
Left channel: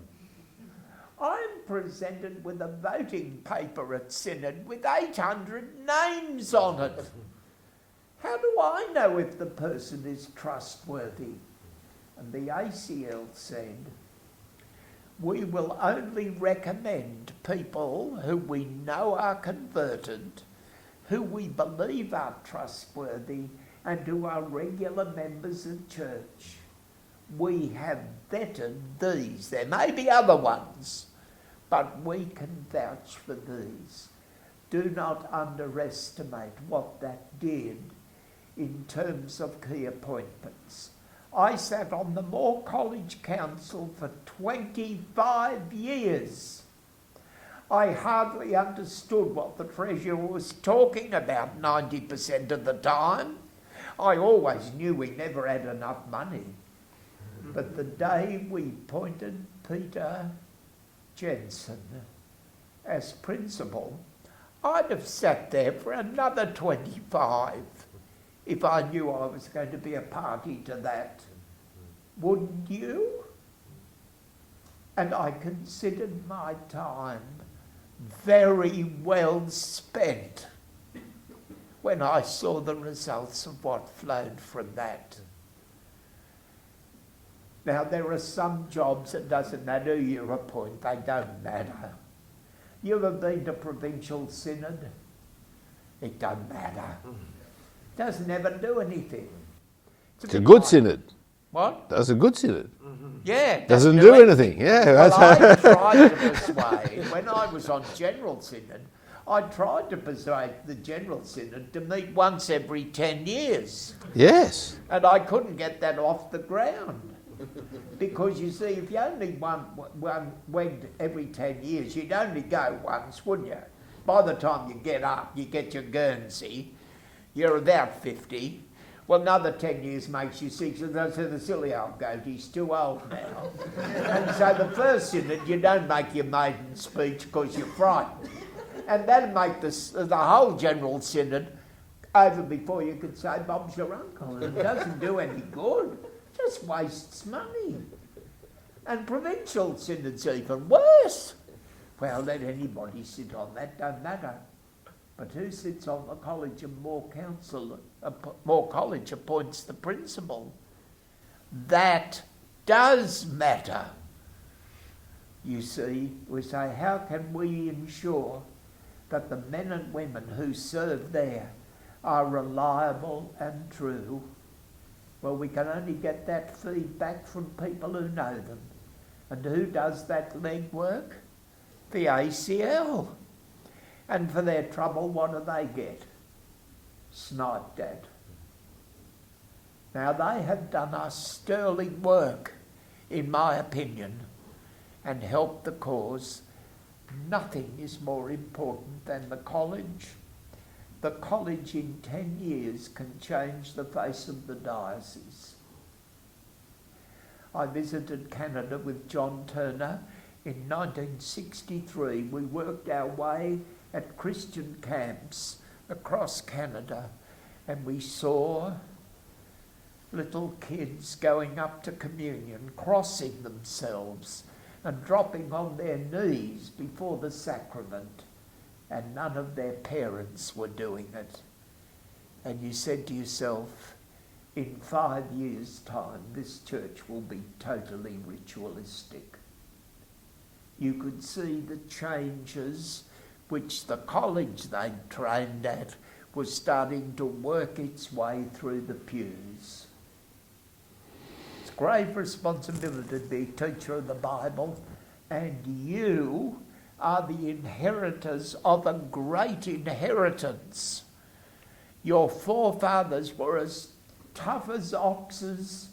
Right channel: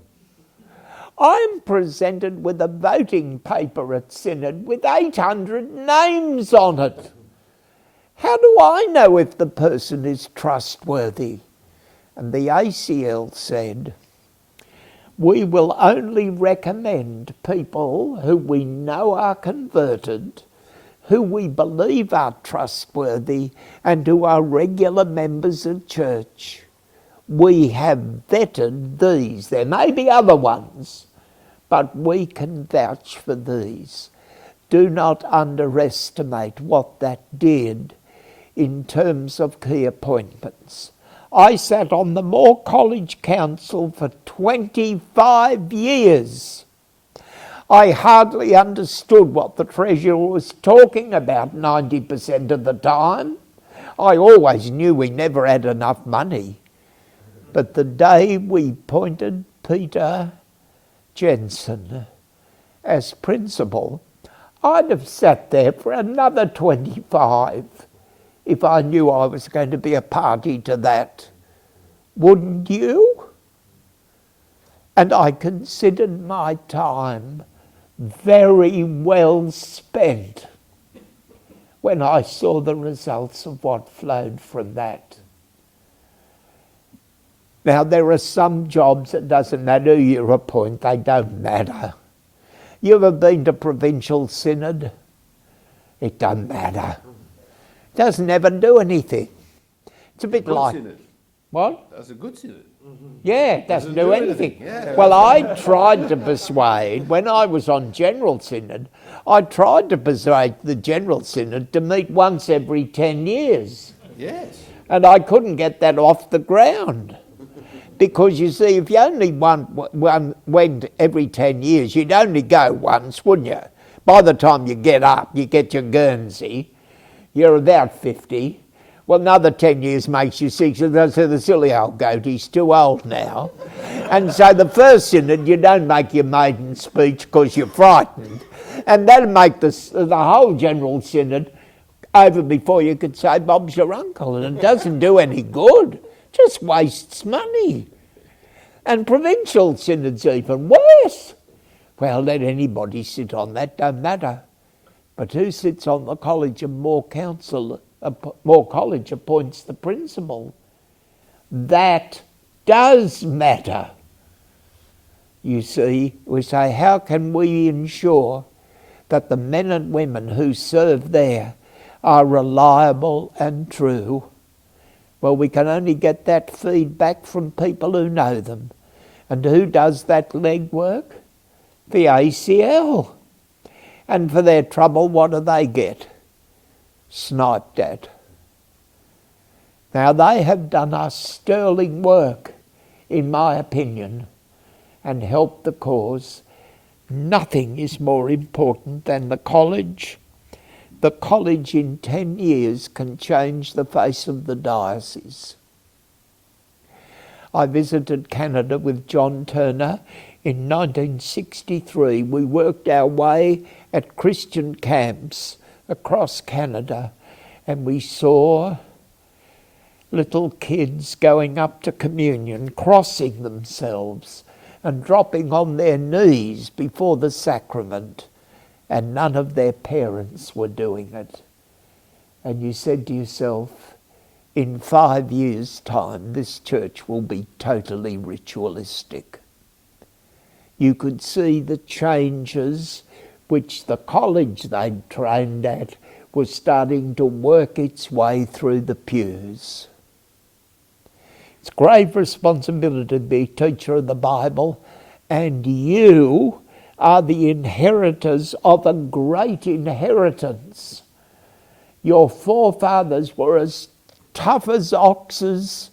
I'm presented with a voting paper at Synod with 800 names on it. How do I know if the person is trustworthy? And the ACL said, we will only recommend people who we know are converted, who we believe are trustworthy, and who are regular members of church. We have vetted these. There may be other ones, but we can vouch for these. Do not underestimate what that did in terms of key appointments. I sat on the Moore College Council for 25 years. I hardly understood what the treasurer was talking about 90% of the time. I always knew we never had enough money. But the day we appointed Peter Jensen as principal, I'd have sat there for another 25 if I knew I was going to be a party to that. Wouldn't you? And I considered my time very well spent when I saw the results of what flowed from that. Now, there are some jobs that doesn't matter who you appoint, they don't matter. You ever been to provincial synod? It doesn't matter. Doesn't ever do anything. It's a good like, synod. What? That's a good synod. Yeah, Doesn't do anything. Yeah. Well, I tried to persuade, when I was on General Synod, I tried to persuade the General Synod to meet once every 10 years. Yes. And I couldn't get that off the ground. Because you see, if you only went every 10 years, you'd only go once, wouldn't you? By the time you get up, you get your Guernsey, you're about 50. Well, another 10 years makes you 60. So the silly old goat, he's too old now. And so the first synod, you don't make your maiden speech because you're frightened. And that'll make the whole general synod over before you could say Bob's your uncle. And it doesn't do any good. Just wastes money. And provincial synod's even worse. Well, let anybody sit on that, don't matter. But who sits on the College of Moore Council? Moore College appoints the principal. That does matter. You see, we say, how can we ensure that the men and women who serve there are reliable and true? Well, we can only get that feedback from people who know them. And who does that legwork? The ACL. And for their trouble, what do they get? Sniped at. Now, they have done us sterling work, in my opinion, and help the cause. Nothing is more important than the college. The college in 10 years can change the face of the diocese. I visited Canada with John Turner in 1963. We worked our way at Christian camps across Canada, and we saw little kids going up to communion, crossing themselves and dropping on their knees before the sacrament, and none of their parents were doing it. And you said to yourself, in 5 years' time, this church will be totally ritualistic. You could see the changes which the college they'd trained at was starting to work its way through the pews. It's a grave responsibility to be a teacher of the Bible, and you are the inheritors of a great inheritance. Your forefathers were as tough as oxes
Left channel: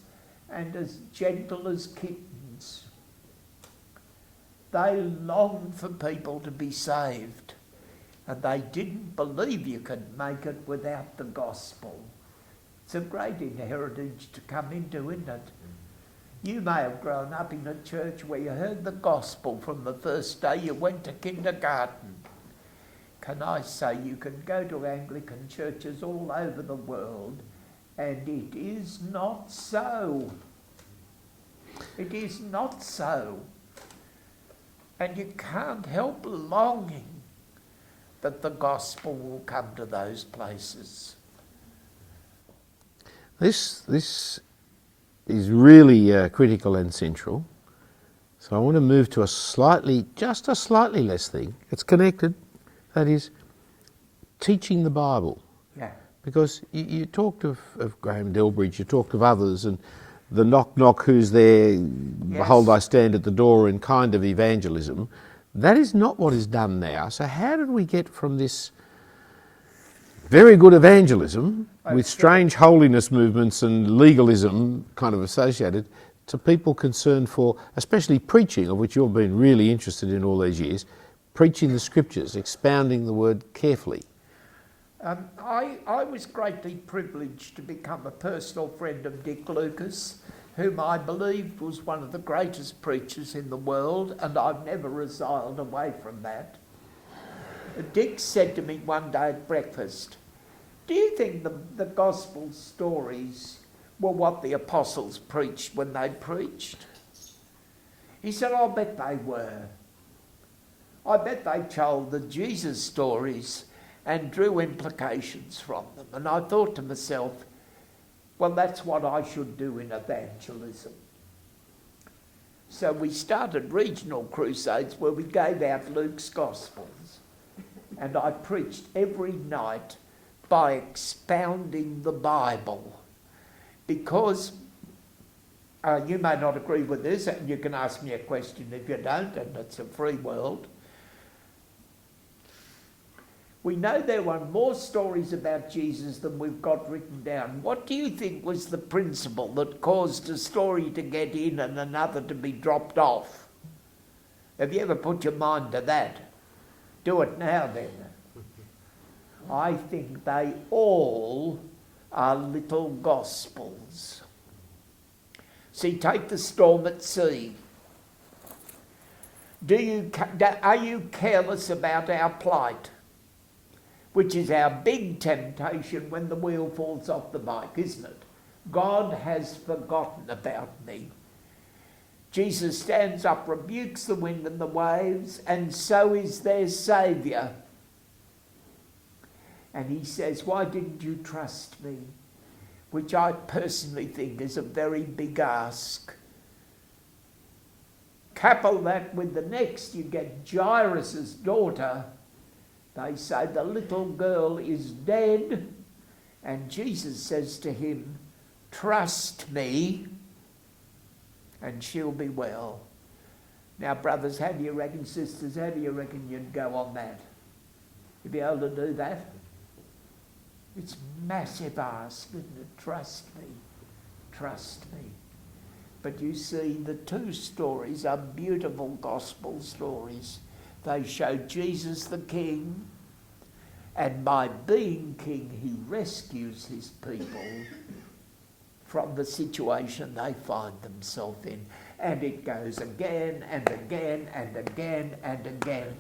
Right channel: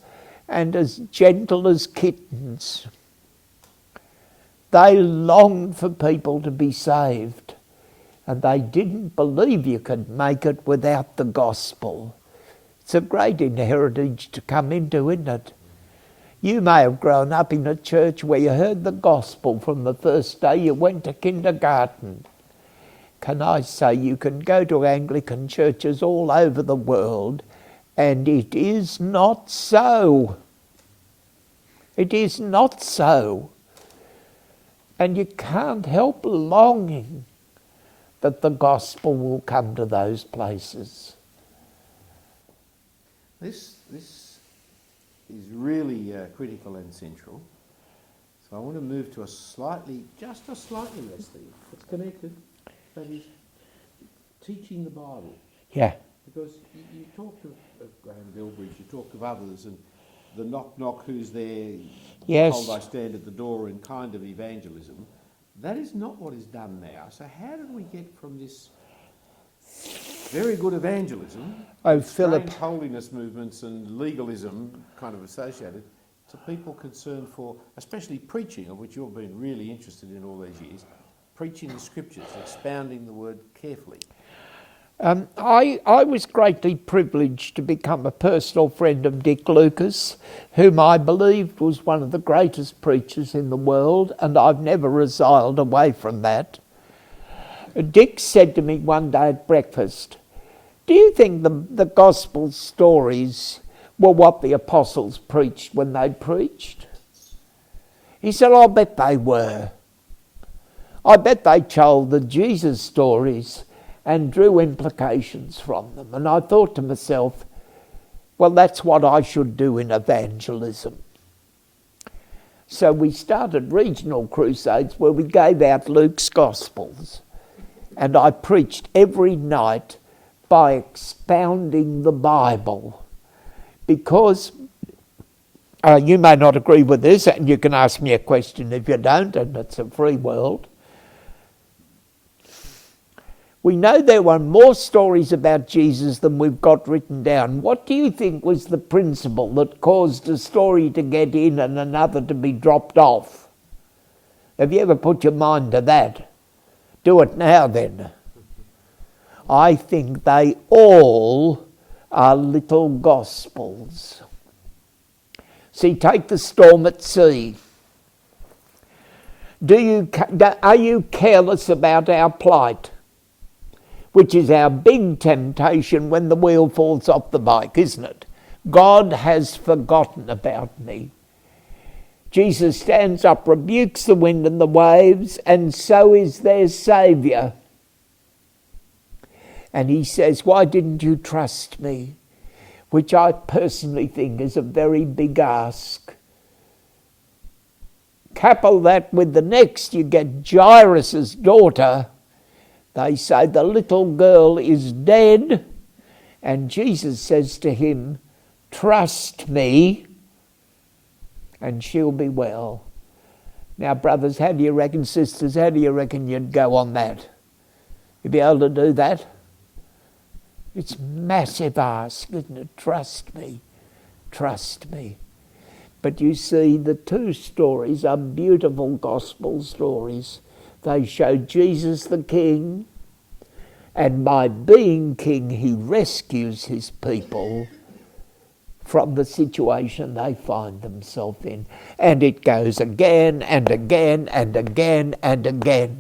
and as gentle as kittens. They longed for people to be saved, and they didn't believe you could make it without the gospel. It's a great inheritance to come into, isn't it? You may have grown up in a church where you heard the gospel from the first day you went to kindergarten. Can I say you can go to Anglican churches all over the world, and it is not so. It is not so. And you can't help longing that the gospel will come to those places. This is really critical and central. So I want to move to just a slightly less thing. It's connected. That is teaching the Bible. Yeah. Because you talked of Graham Delbridge, you talked of others, and the knock, who's there, Yes. behold I stand at the door, and kind of evangelism. That is not what is done now. So how did we get from this very good evangelism with strange holiness movements and legalism kind of associated to people concerned for, especially preaching, of which you've been really interested in all these years, preaching the scriptures, expounding the word carefully? I was greatly privileged to become a personal friend of Dick Lucas, whom I believed was one of the greatest preachers in the world, and I've never resiled away from that. Dick said to me one day at breakfast, "Do you think the gospel stories were what the apostles preached when they preached?" He said, "I bet they were. I bet they told the Jesus stories and drew implications from them." And I thought to myself, well, that's what I should do in evangelism. So we started regional crusades where we gave out Luke's Gospels. And I preached every night by expounding the Bible. Because you may not agree with this, and you can ask me a question if you don't, and it's a free world. We know there were more stories about Jesus than we've got written down. What do you think was the principle that caused a story to get in and another to be dropped off? Have you ever put your mind to that? Do it now then. I think they all are little gospels. See, take the storm at sea. Are you careless about our plight? Which is our big temptation when the wheel falls off the bike, isn't it? God has forgotten about me. Jesus stands up, rebukes the wind and the waves, and so is their Saviour. And he says, "Why didn't you trust me?" Which I personally think is a very big ask. Couple that with the next, you get Jairus' daughter. They say the little girl is dead, and Jesus says to him, "Trust me, and she'll be well." Now, brothers, how do you reckon, sisters, how do you reckon you'd go on that? You'd be able to do that? It's massive ask, isn't it? Trust me, trust me. But you see, the two stories are beautiful gospel stories. They show Jesus the King, and by being king, he rescues his people from the situation they find themselves in. And it goes again and again and again and again.